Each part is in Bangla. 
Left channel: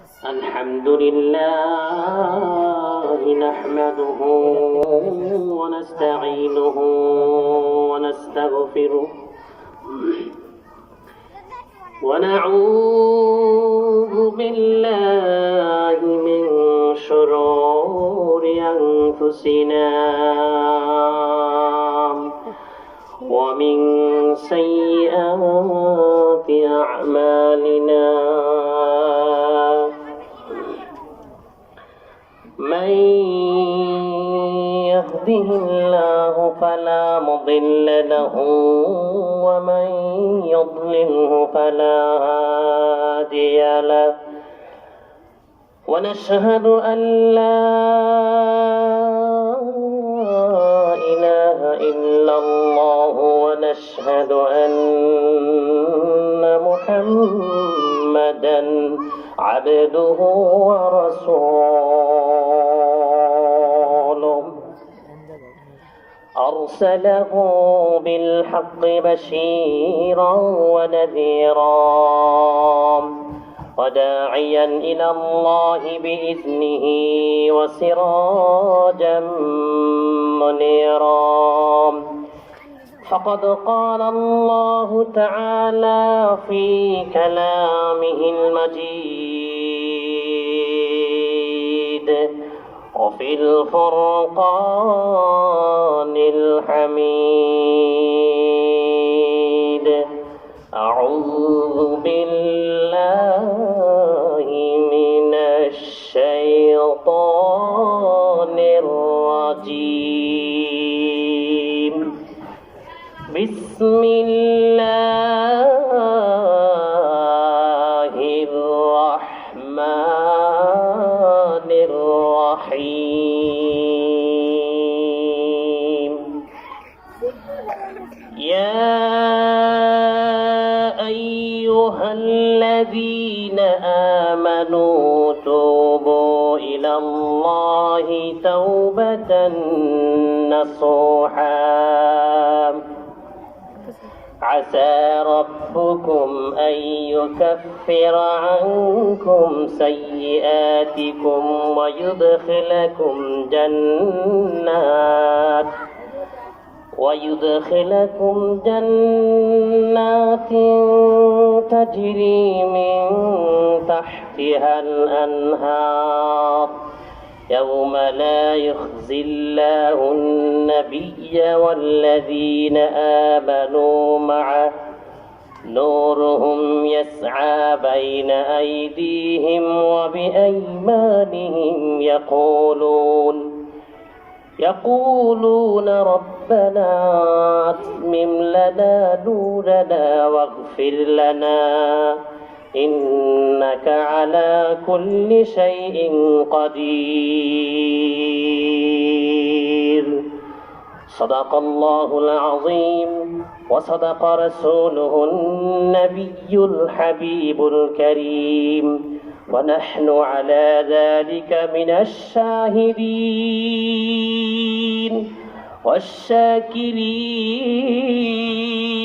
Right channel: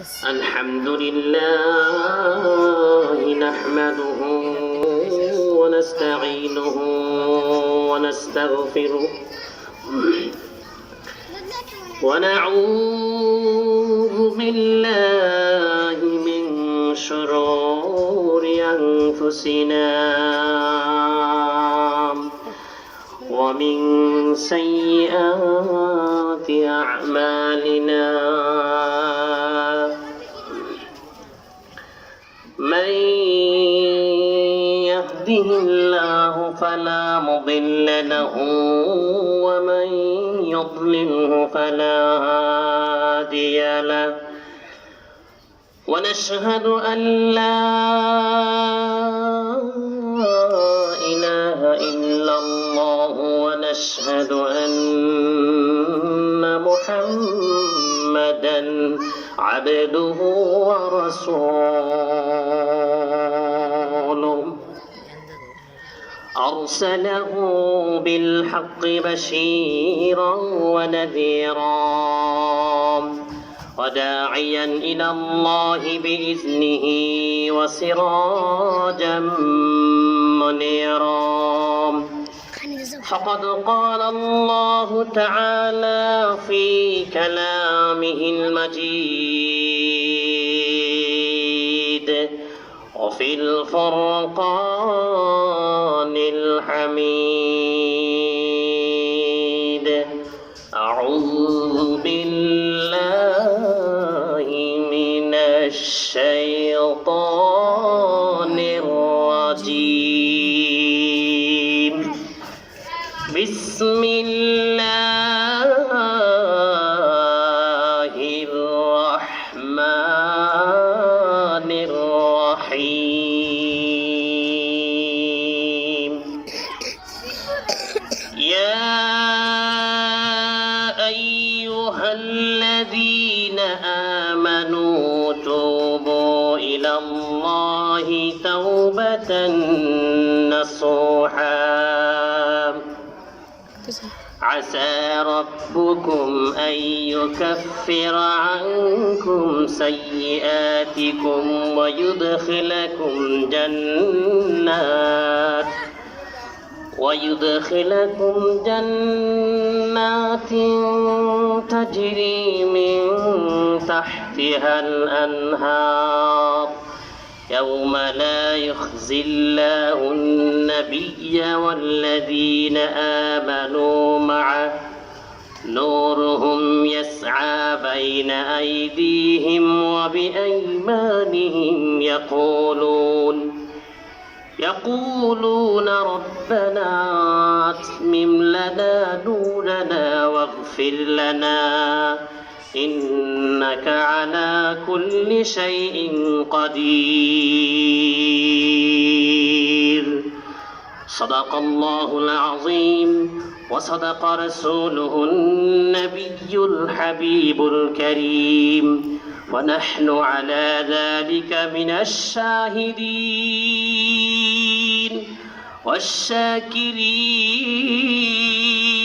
الحمد لله نحمده ونستعينه ونستغفره ونعوذ بالله من شرور أنفسنا ومن سيئات أعمالنا من يهده الله فلا مضل له ومن يضلله فلا هادي له ونشهد أن لا إله إلا الله ونشهد أن محمدا عبده ورسوله أرسله بالحق بشيرا ونذيرا وداعيا إلى الله بإذنه وسراجا منيرا فقد قال الله تعالى في كلامه المجيد وفي الفرقان الحميد أعوذ بالله من الشيطان الرجيم بسم الله الرحمن الرحيم يا أيها الذين آمنوا توبوا إلى الله توبة نصوحا عسى ربكم أن يكفر عنكم سيئاتكم ويدخلكم جنات تجري من تحتها الأنهار يوم لا يخزي الله النبي والذين آمنوا معه نورهم يسعى بين أيديهم وبأيمانهم يقولون ربنا أتمم لنا نورنا واغفر لنا إنك على كل شيء قدير صدق الله العظيم وصدق رسوله النبي الحبيب الكريم ونحن على ذلك من الشاهدين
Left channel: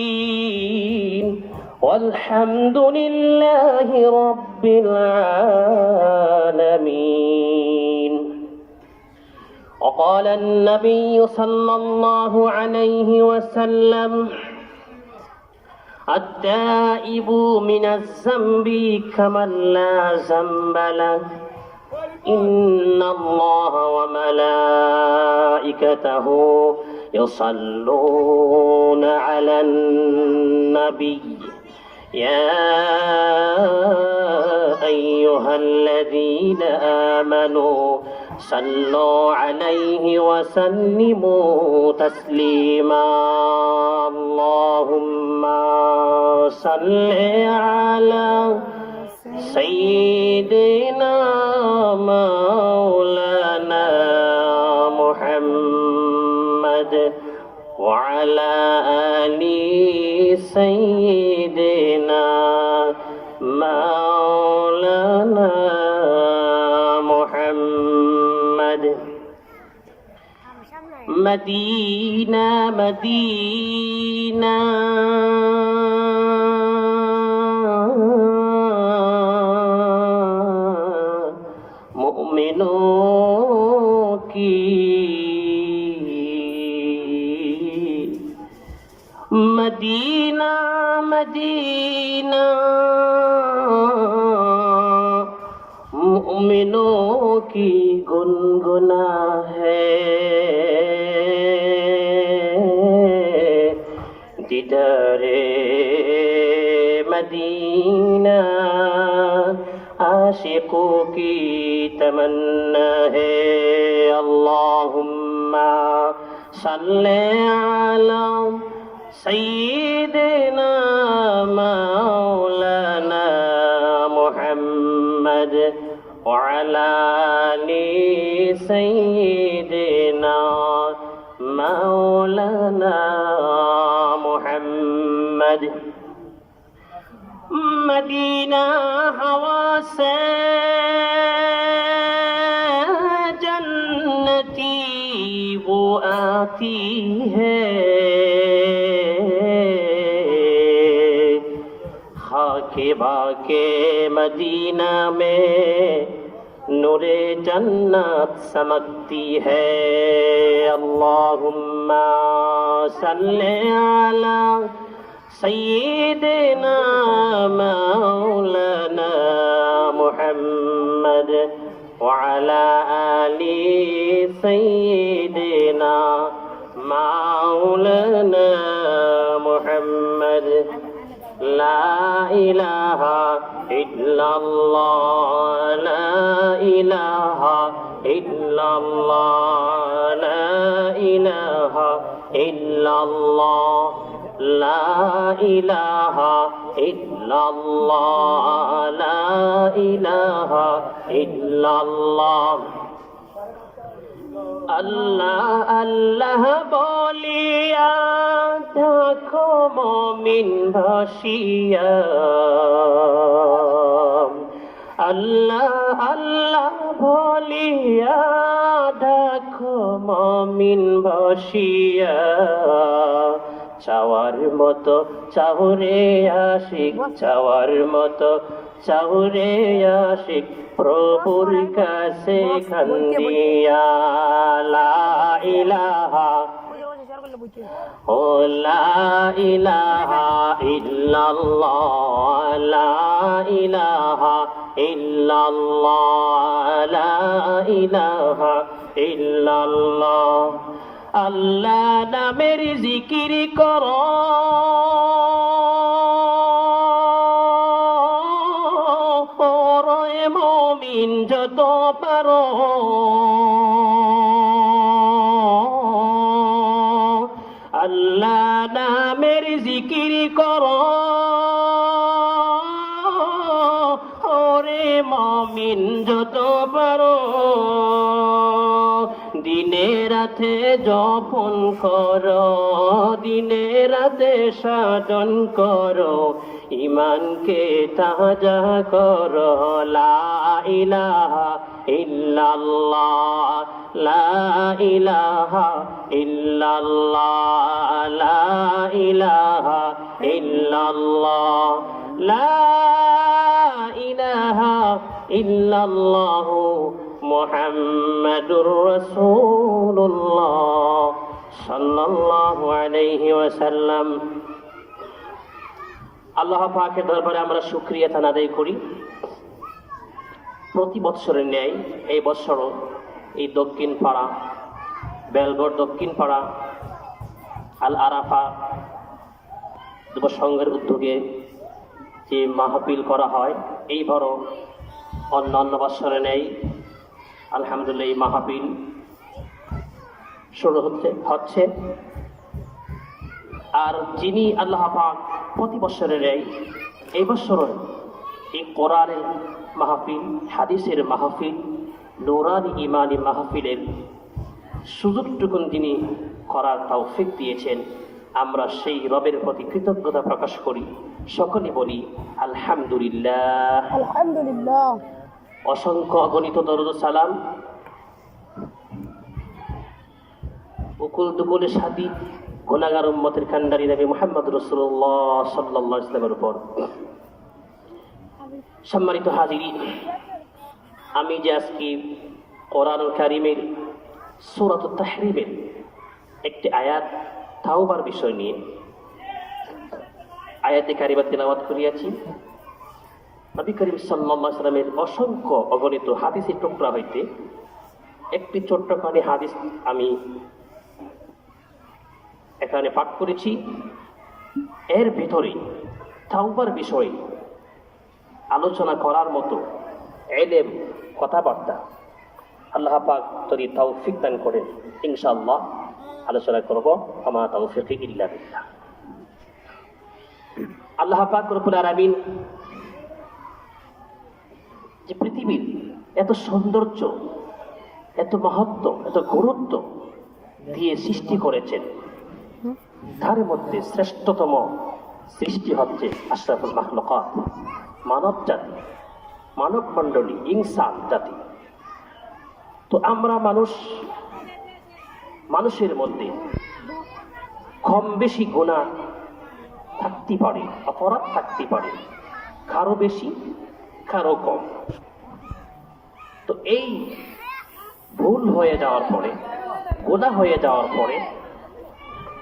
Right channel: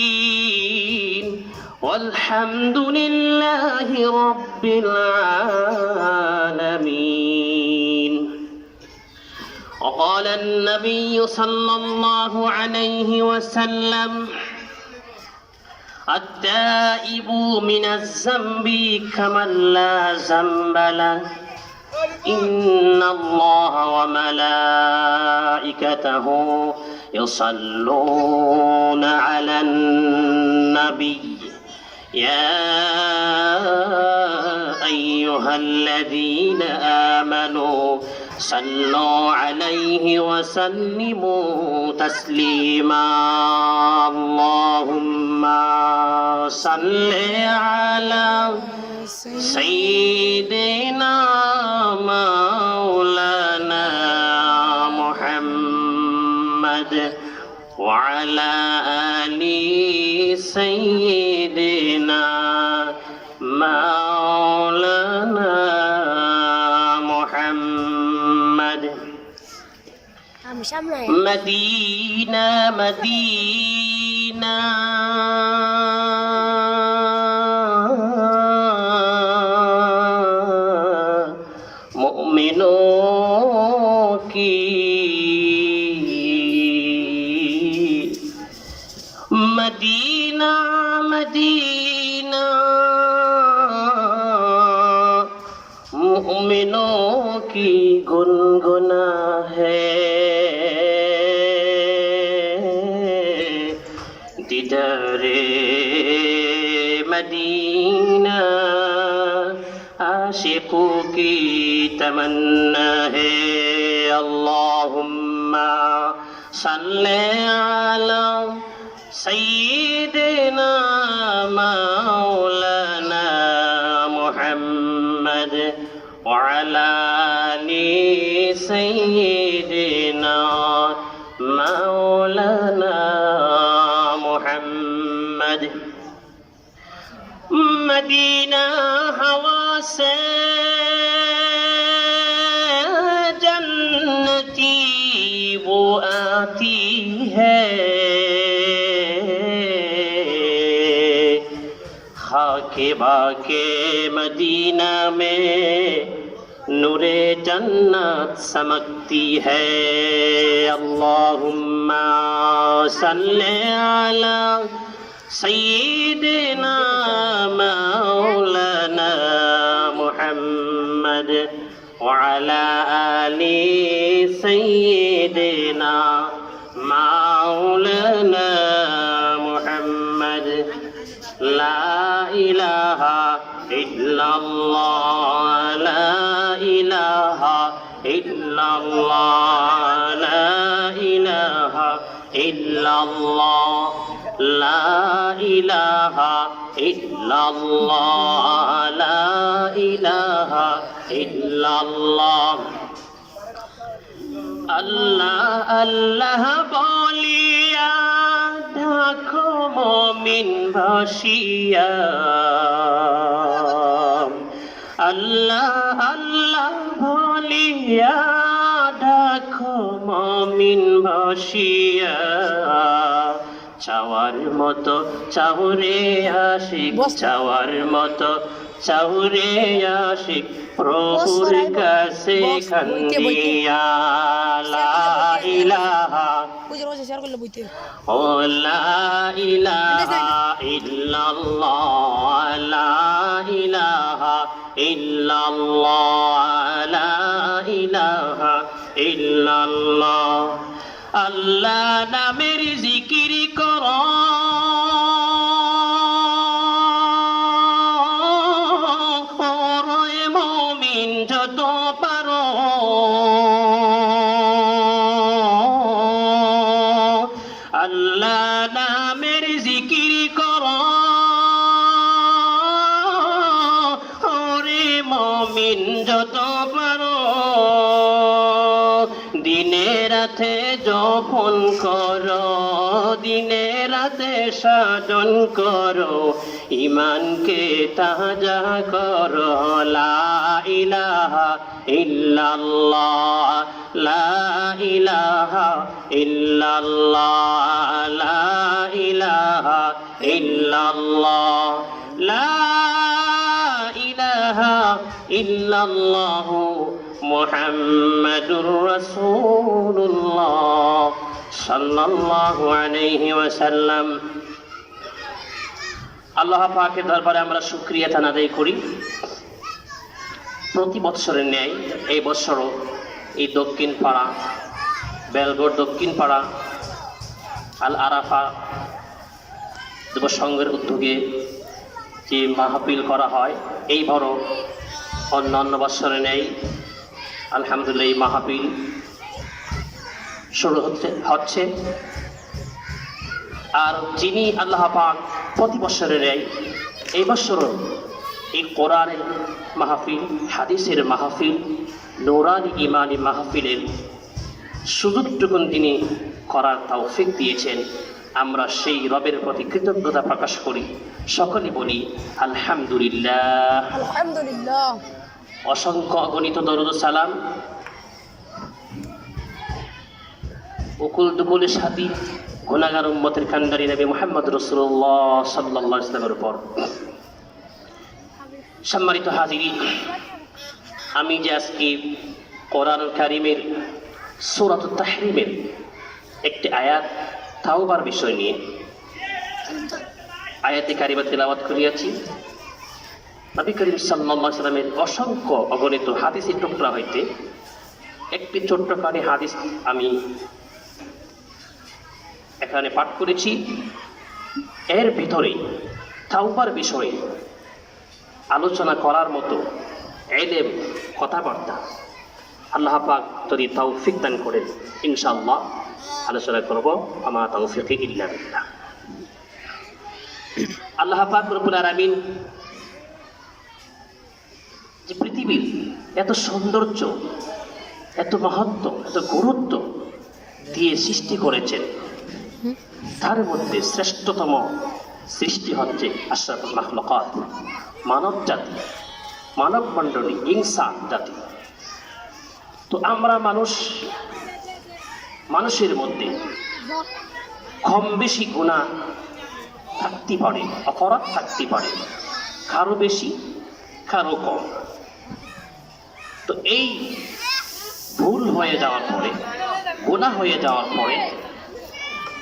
والشاكرين والحمد لله رب العالمين. وقال النبي صلى الله عليه وسلم التائب من الذنب كمن لا ذنب له إن الله وملائكته يصلون على النبي يا أيها الذين آمنوا صلوا عليه وسلموا تسليما اللهم صل على سيدنا مولانا محمد وعلى آل سيدنا مولانا محمد مدينة مدينة मोमिनों की मदीना मदीना मोमिनों की गुनगुना है दीदारे मदीना आशिकों की तमन्ना है अल्लाहुम्मा सल्ले अला सय्यिदिना मौलाना मुहम्मद व अला आलि सय्यिदिना मौलाना मुहम्मद मदीना हवा से जन्नती वो आती है खाके बाके मदीना में नूरे जन्नत चमकती है अल्लाहुम्मा सल्ले अला सय्यिदिना मौलाना मुहम्मद व अला आलि सय्यिदिना मौलाना मुहम्मद ला इलाहा इल्लल्लाह ला इलाहा इल्लल्लाह ला इलाहा इल्लल्लाह ला इलाहा इल्लल्लाह ला इलाहा इल्लल्लाह अल्लाह अल्लाह बोलिया देखो मोमिन भासिया अल्लाह अल्लाह बोलिया देखो मोमिन भासिया চাওয়ার মতো চাহুরে আশিক চাওয়ার মতো চাহুরে আশিক প্রভুর কাছে খান্দিয়া লা ইলাহা ও লা ইলাহা ইল্লাল্লাহ লা ইলাহা ইল্লাল্লাহ লা ইলাহা ইল্লাল্লাহ আল্লাহ নামের জিকির করো ওরে মুমিন যত পারো আল্লাহ নামের জিকির করো ওরে মুমিন যত পারো দিনে রাতে যপন করো দিনে রাতে সাধন করো ইমানকে তাজা করো লা ইলাহা ইল্লাল্লাহ লা ইলাহা ইল্লাল্লাহ লা ইলাহা ইল্লাল্লাহ লা ইলাহা ইল্লাল্লাহ মুহাম্মাদুর রাসূলুল্লাহ সাল্লাল্লাহু আলাইহি ওয়াসাল্লাম। আল্লাহ পাকের দরবারে আমরা শুকরিয়া আদায় করি। প্রতি বছরের ন্যায় এই বছরও এই দক্ষিণ পাড়া বেলগড় দক্ষিণ পাড়া আল আরাফা যুব সংঘের উদ্যোগে যে মাহফিল করা হয় এইবারও অন্যান্য বছরে নেই আলহামদুলিল্লাহ এই মাহফিল শুরু হচ্ছে আর যিনি আল্লাহ পাক প্রতি বছরে নেই এই বছরও এই কোরআনের মাহফিল হাদিসের মাহফিল নূরানি ইমানি মাহফিলের সুযোগটুকুন তিনি করার তৌফিক দিয়েছেন। আমরা সেই রবের প্রতি কৃতজ্ঞতা প্রকাশ করি, সকলে বলি আলহামদুলিল্লাহ আলহামদুলিল্লাহ। অসংখ্য অগণিত দরুদ সালাম উকুল দুকুলের সাথী গুনাহগার উম্মতের কান্ডারি নবী মুহাম্মদ রাসূলুল্লাহ সাল্লাল্লাহু আলাইহি ওয়াসাল্লামের উপর। সম্মানিত হাজিরিন, আমি যে আজকে কোরআন কারীমের সূরাতুত তাহরিমের একটি আয়াত তাওবার বিষয় নিয়ে আয়াতে কারিমা তিলাওয়াত করিয়াছি, নবী করিম সাল্লাল্লাহু আলাইহি ওয়াসাল্লামের অসংখ্য অগণিত হাদিসের টুকরা হইতে একটি ছোট্টখানি হাদিস আমি এখানে পাঠ করেছি। এর ভিতরে তাওবার বিষয়ে আলোচনা করার মতো ইলম কথাবার্তা আল্লাহ পাক যদি তৌফিক দান করেন ইনশাআল্লাহ আলোচনা করব। আমা তৌফিক ইল্লা বিল্লাহ। আল্লাহ পাক রব্বুল আলামিন যে পৃথিবীর এত সৌন্দর্য, এত মাহাত্ম্য, এত গুরুত্ব দিয়ে সৃষ্টি করেছেন, তার মধ্যে শ্রেষ্ঠতম সৃষ্টি হচ্ছে আশরাফুল মাখলুকাত, মানব জাতি, মানব মণ্ডলী, ইনসান জাতি। তো আমরা মানুষের মধ্যে কম বেশি গুনাহ থাকতে পারে, অপরাধ থাকতে পারে, কারো বেশি কারো কম। তো এই ভুল হয়ে যাওয়ার পরে, গুনাহ হয়ে যাওয়ার পরে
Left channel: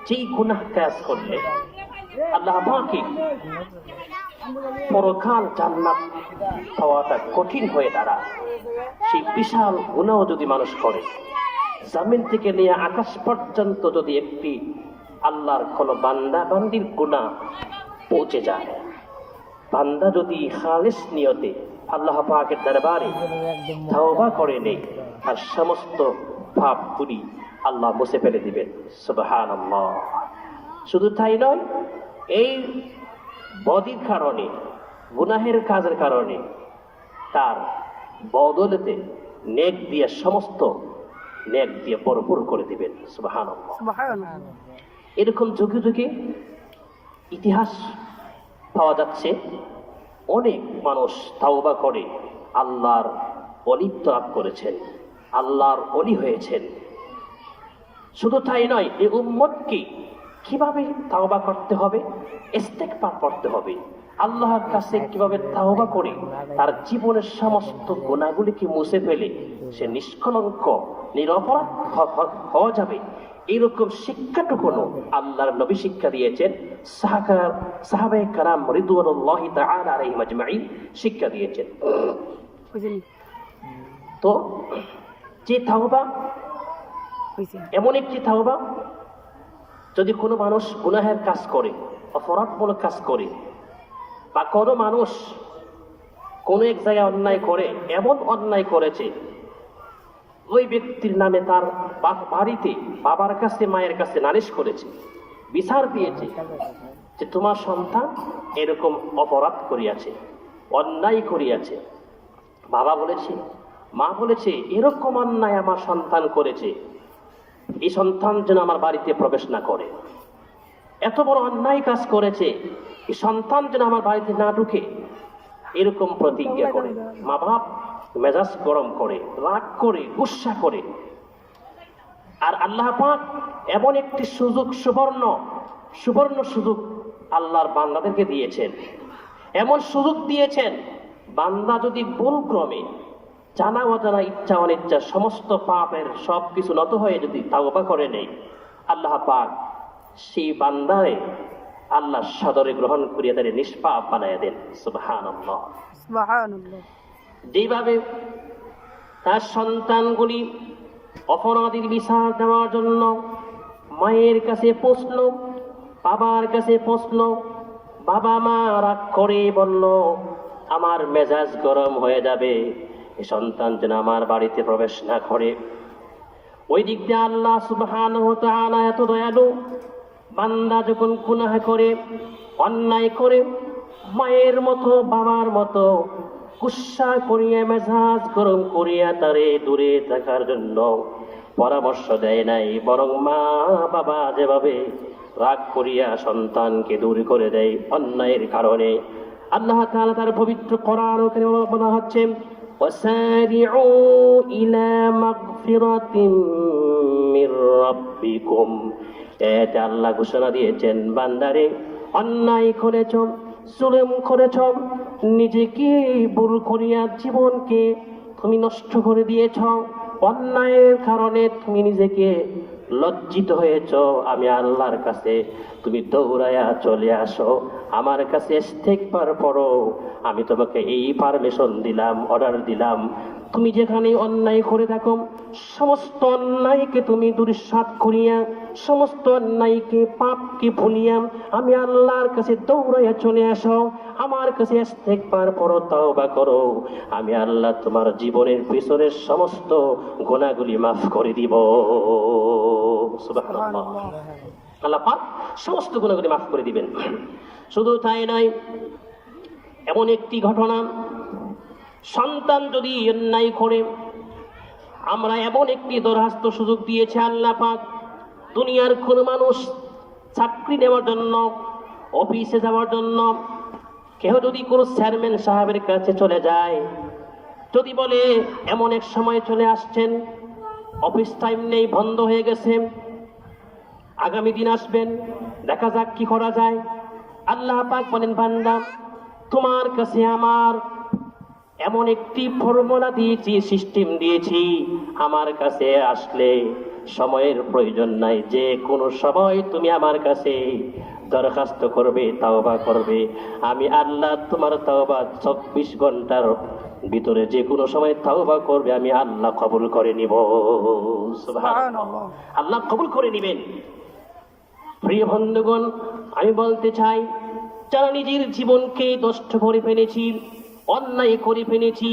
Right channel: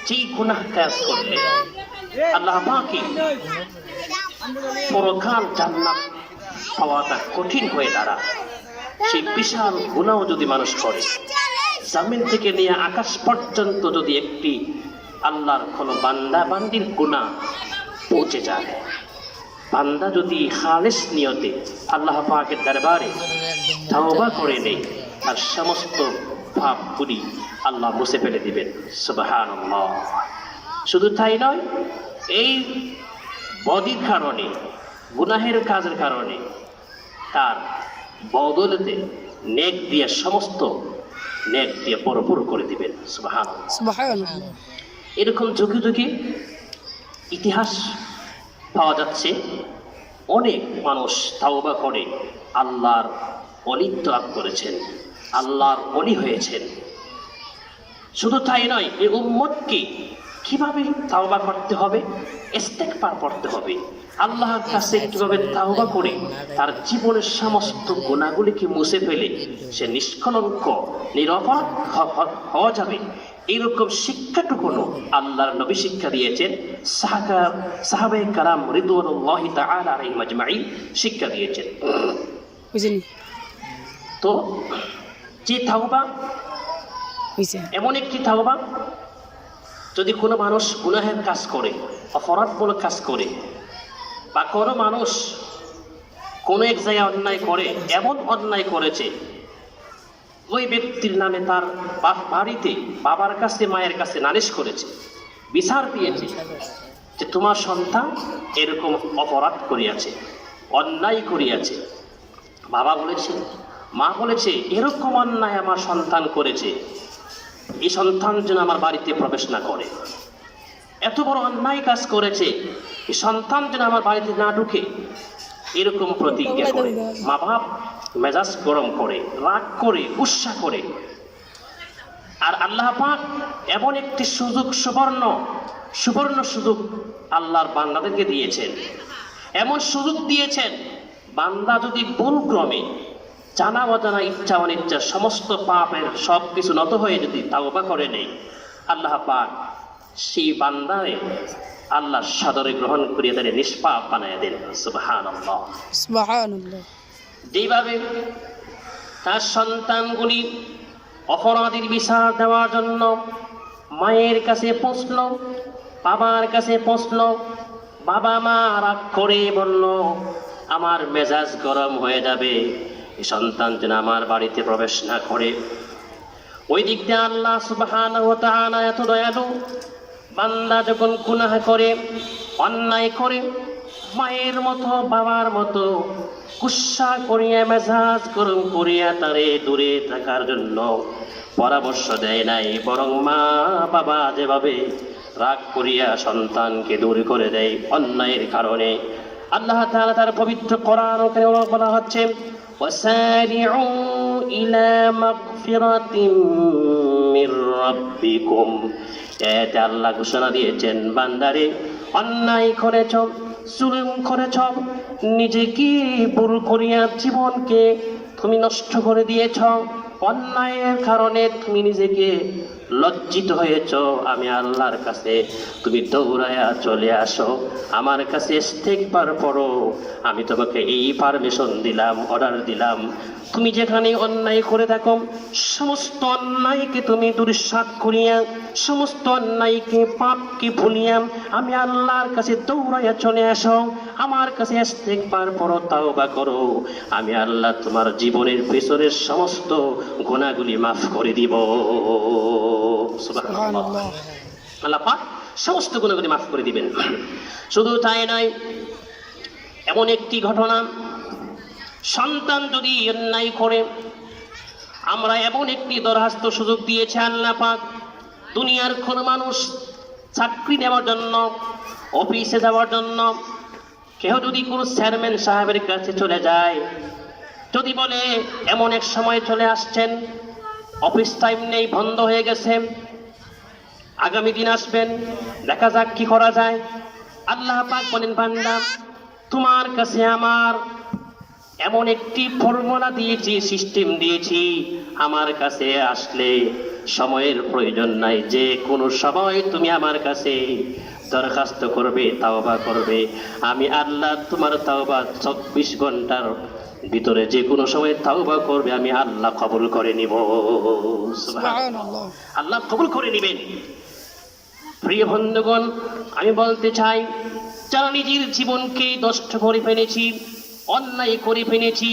যেই গুনাহ কাজ করলে আল্লাহ পাককে পরকাল জান্নাত পাওয়াটা কঠিন হয়ে দাঁড়ায়, সেই বিশাল গুনাহ যদি মানুষ করে, জমিন থেকে নিয়ে আকাশ পর্যন্ত যদি একটি আল্লাহর কোনো বান্দা বান্দির গুনাহ পৌঁছে যায়, বান্দা যদি খালিস নিয়তে আল্লাহ পাকের দরবারে তওবা করে নেয়, আর সমস্ত পাপগুলি আল্লাহ মুছে ফেলে দিবেন। সুবহানাল্লাহ। শুধু তাই নয়, এই বদির কারণে, গুনাহের কাজের কারণে তার বদলতে নেক দিয়ে সমস্ত নেক দিয়ে ভরপুর করে দিবেন। সুবহানাল্লাহ। এরকম যুগে যুগে ইতিহাস পাওয়া যাচ্ছে, অনেক মানুষ তাওবা করে আল্লাহর ওলিত্ব লাভ করেছেন, আল্লাহর ওলি হয়েছেন। শুধু তাই নয়, এই উম্মতকে কিভাবে তাওবা করতে হবে, ইস্তেগফার করতে হবে, আল্লাহর কাছে কিভাবে তাওবা করে তার জীবনের সমস্ত গুনাহগুলিকে মুছে ফেলে সে নিষ্কলঙ্ক নিরপরাধ হওয়া যাবে, এইরকম শিক্ষাটুকু আল্লাহর নবী শিক্ষা দিয়েছেন, সাহাবায়ে কেরাম রিদওয়ানুল্লাহি তাআলা আলাইহিম আজমাইন শিক্ষা দিয়েছেন। তো যে তাওবা এমন একটি তাওবা, যদি কোনো মানুষ গুনাহের কাজ করে, অপরাধমূলক কাজ করে, বা কোনো মানুষ কোনো এক জায়গায় অন্যায় করে, এমন অন্যায় করেছে ওই ব্যক্তির নামে তার বাড়িতে বাবার কাছে মায়ের কাছে নালিশ করেছে, বিচার দিয়েছে যে তোমার সন্তান এরকম অপরাধ করিয়াছে, অন্যায় করিয়াছে। বাবা বলেছে, মা বলেছে এরকম অন্যায় আমার সন্তান করেছে, এই সন্তান যেন আমার বাড়িতে প্রবেশ না করে, এত বড় অন্যায় কাজ করেছে, এই সন্তান যেন আমার বাড়িতে না ঢুকে, এরকম প্রতিজ্ঞা করে মা বাপ মেজাজ গরম করে, রাগ করে, গুসা করে। আর আল্লাহ পাক এমন একটি সুযোগ, সুবর্ণ সুযোগ আল্লাহর বান্দাদেরকে দিয়েছেন, এমন সুযোগ দিয়েছেন, বান্দা যদি ভুল ক্রমে জানা অজানা ইচ্ছা অনিচ্ছা সমস্ত পাপের সব কিছু নত হয়ে যদি তাওবা করে নেয়, আল্লাহ পাক সেই বান্দারে আল্লাহ সাদরে গ্রহণ করিয়া তাদের নিষ্পাপ বানাইয়া দেন। সুবহানাল্লাহ, সুবহানাল্লাহ। যেভাবে তার সন্তানগুলি অপরাধীর বিচার দেওয়ার জন্য মায়ের কাছে পৌঁছল, বাবার কাছে পৌঁছল, বাবা মা রাগ করে বলল আমার মেজাজ গরম হয়ে যাবে, এই সন্তান যেন আমার বাড়িতে প্রবেশ না করে। ওই দিক দিয়ে আল্লাহ সুবহানাহু ওয়া তাআলা এত দয়ালু, বান্দা যখন গুনাহ করে, অন্যায় করে, মায়ের মতো বাবার মতো গুসা করিয়া মেজাজ গরম করিয়া তারে দূরে থাকার জন্য পরামর্শ দেয় নাই, বরং মা বাবা যেভাবে রাগ করিয়া সন্তানকে দূর করে দেয় অন্যায়ের কারণে, আল্লাহ তাআলা তার পবিত্র কোরআন বলা হচ্ছে ওয়াসারিউ ইলা মাগফিরাতিম মির রাব্বিকুম। এতে আল্লাহ ঘোষণা দিয়েছেন, বান্দারে অন্যায় করেছ, জুলুম করেছ, নিজেকে ভুল করিয়া জীবনকে তুমি নষ্ট করে দিয়েছ, অন্যায়ের কারণে তুমি নিজেকে লজ্জিত হয়েছ, আমি আল্লাহর কাছে তুমি দৌড়ায়া চলে আসো, আমার কাছে ইস্তেগফার পড়ো। আমি তোমাকে এই পারমিশন দিলাম, অর্ডার দিলাম, তুমি যেখানে অন্যায় করে থাকো সমস্ত অন্যায়কে তুমি দুঃসাৎ করিয়া, সমস্ত অন্যায়কে পাপকে ভুলিয়া আমি আল্লাহর কাছে দৌড়াইয়া চলে আসো, আমার কাছে ইস্তেগফার পড়ো, তাওবা করো, আমি আল্লাহ তোমার জীবনের পেছনের সমস্ত গুনাহগুলি মাফ করে দিব। সুবহানাল্লাহ। আল্লাহ পাক সমস্ত গুনাহগুলি মাফ করে দিবেন। শুধু তাই নয়, এমন একটি ঘটনা, সন্তান যদি অন্যায় করে, আমরা এমন একটি দরখাস্ত সুযোগ দিয়েছে আল্লাহ পাক, দুনিয়ার কোন মানুষ চাকরি নেওয়ার জন্য, অফিসে যাওয়ার জন্য, কেউ যদি কোনো চেয়ারম্যান সাহেবের কাছে চলে যায়, যদি বলে এমন এক সময় চলে আসছেন, অফিস টাইম নেই, বন্ধ হয়ে গেছে, আগামী দিন আসবেন, দেখা যাক কি করা যায়। আল্লাহ পাক বলেন, বান্দা তোমার কাছে আমার এমন একটি ফর্মুলা দিয়েছি, সিস্টেম দিয়েছি, আমার কাছে আসলে সময়ের প্রয়োজন নাই, যে কোনো সময় তুমি আমার কাছে দরখাস্ত করবে, তাওবা করবে, আমি আল্লাহ তোমার তাওবা 24 ঘন্টার ভিতরে যে কোনো সময় তাওবা করবে, আমি আল্লাহ কবুল করে নিব। সুবহানাল্লাহ। আল্লাহ কবুল করে নিবেন। প্রিয় বন্ধুগণ, আমি বলতে চাই, যারা নিজের জীবনকে নষ্ট করে ফেলেছি, অন্যায় করে ফেলেছি,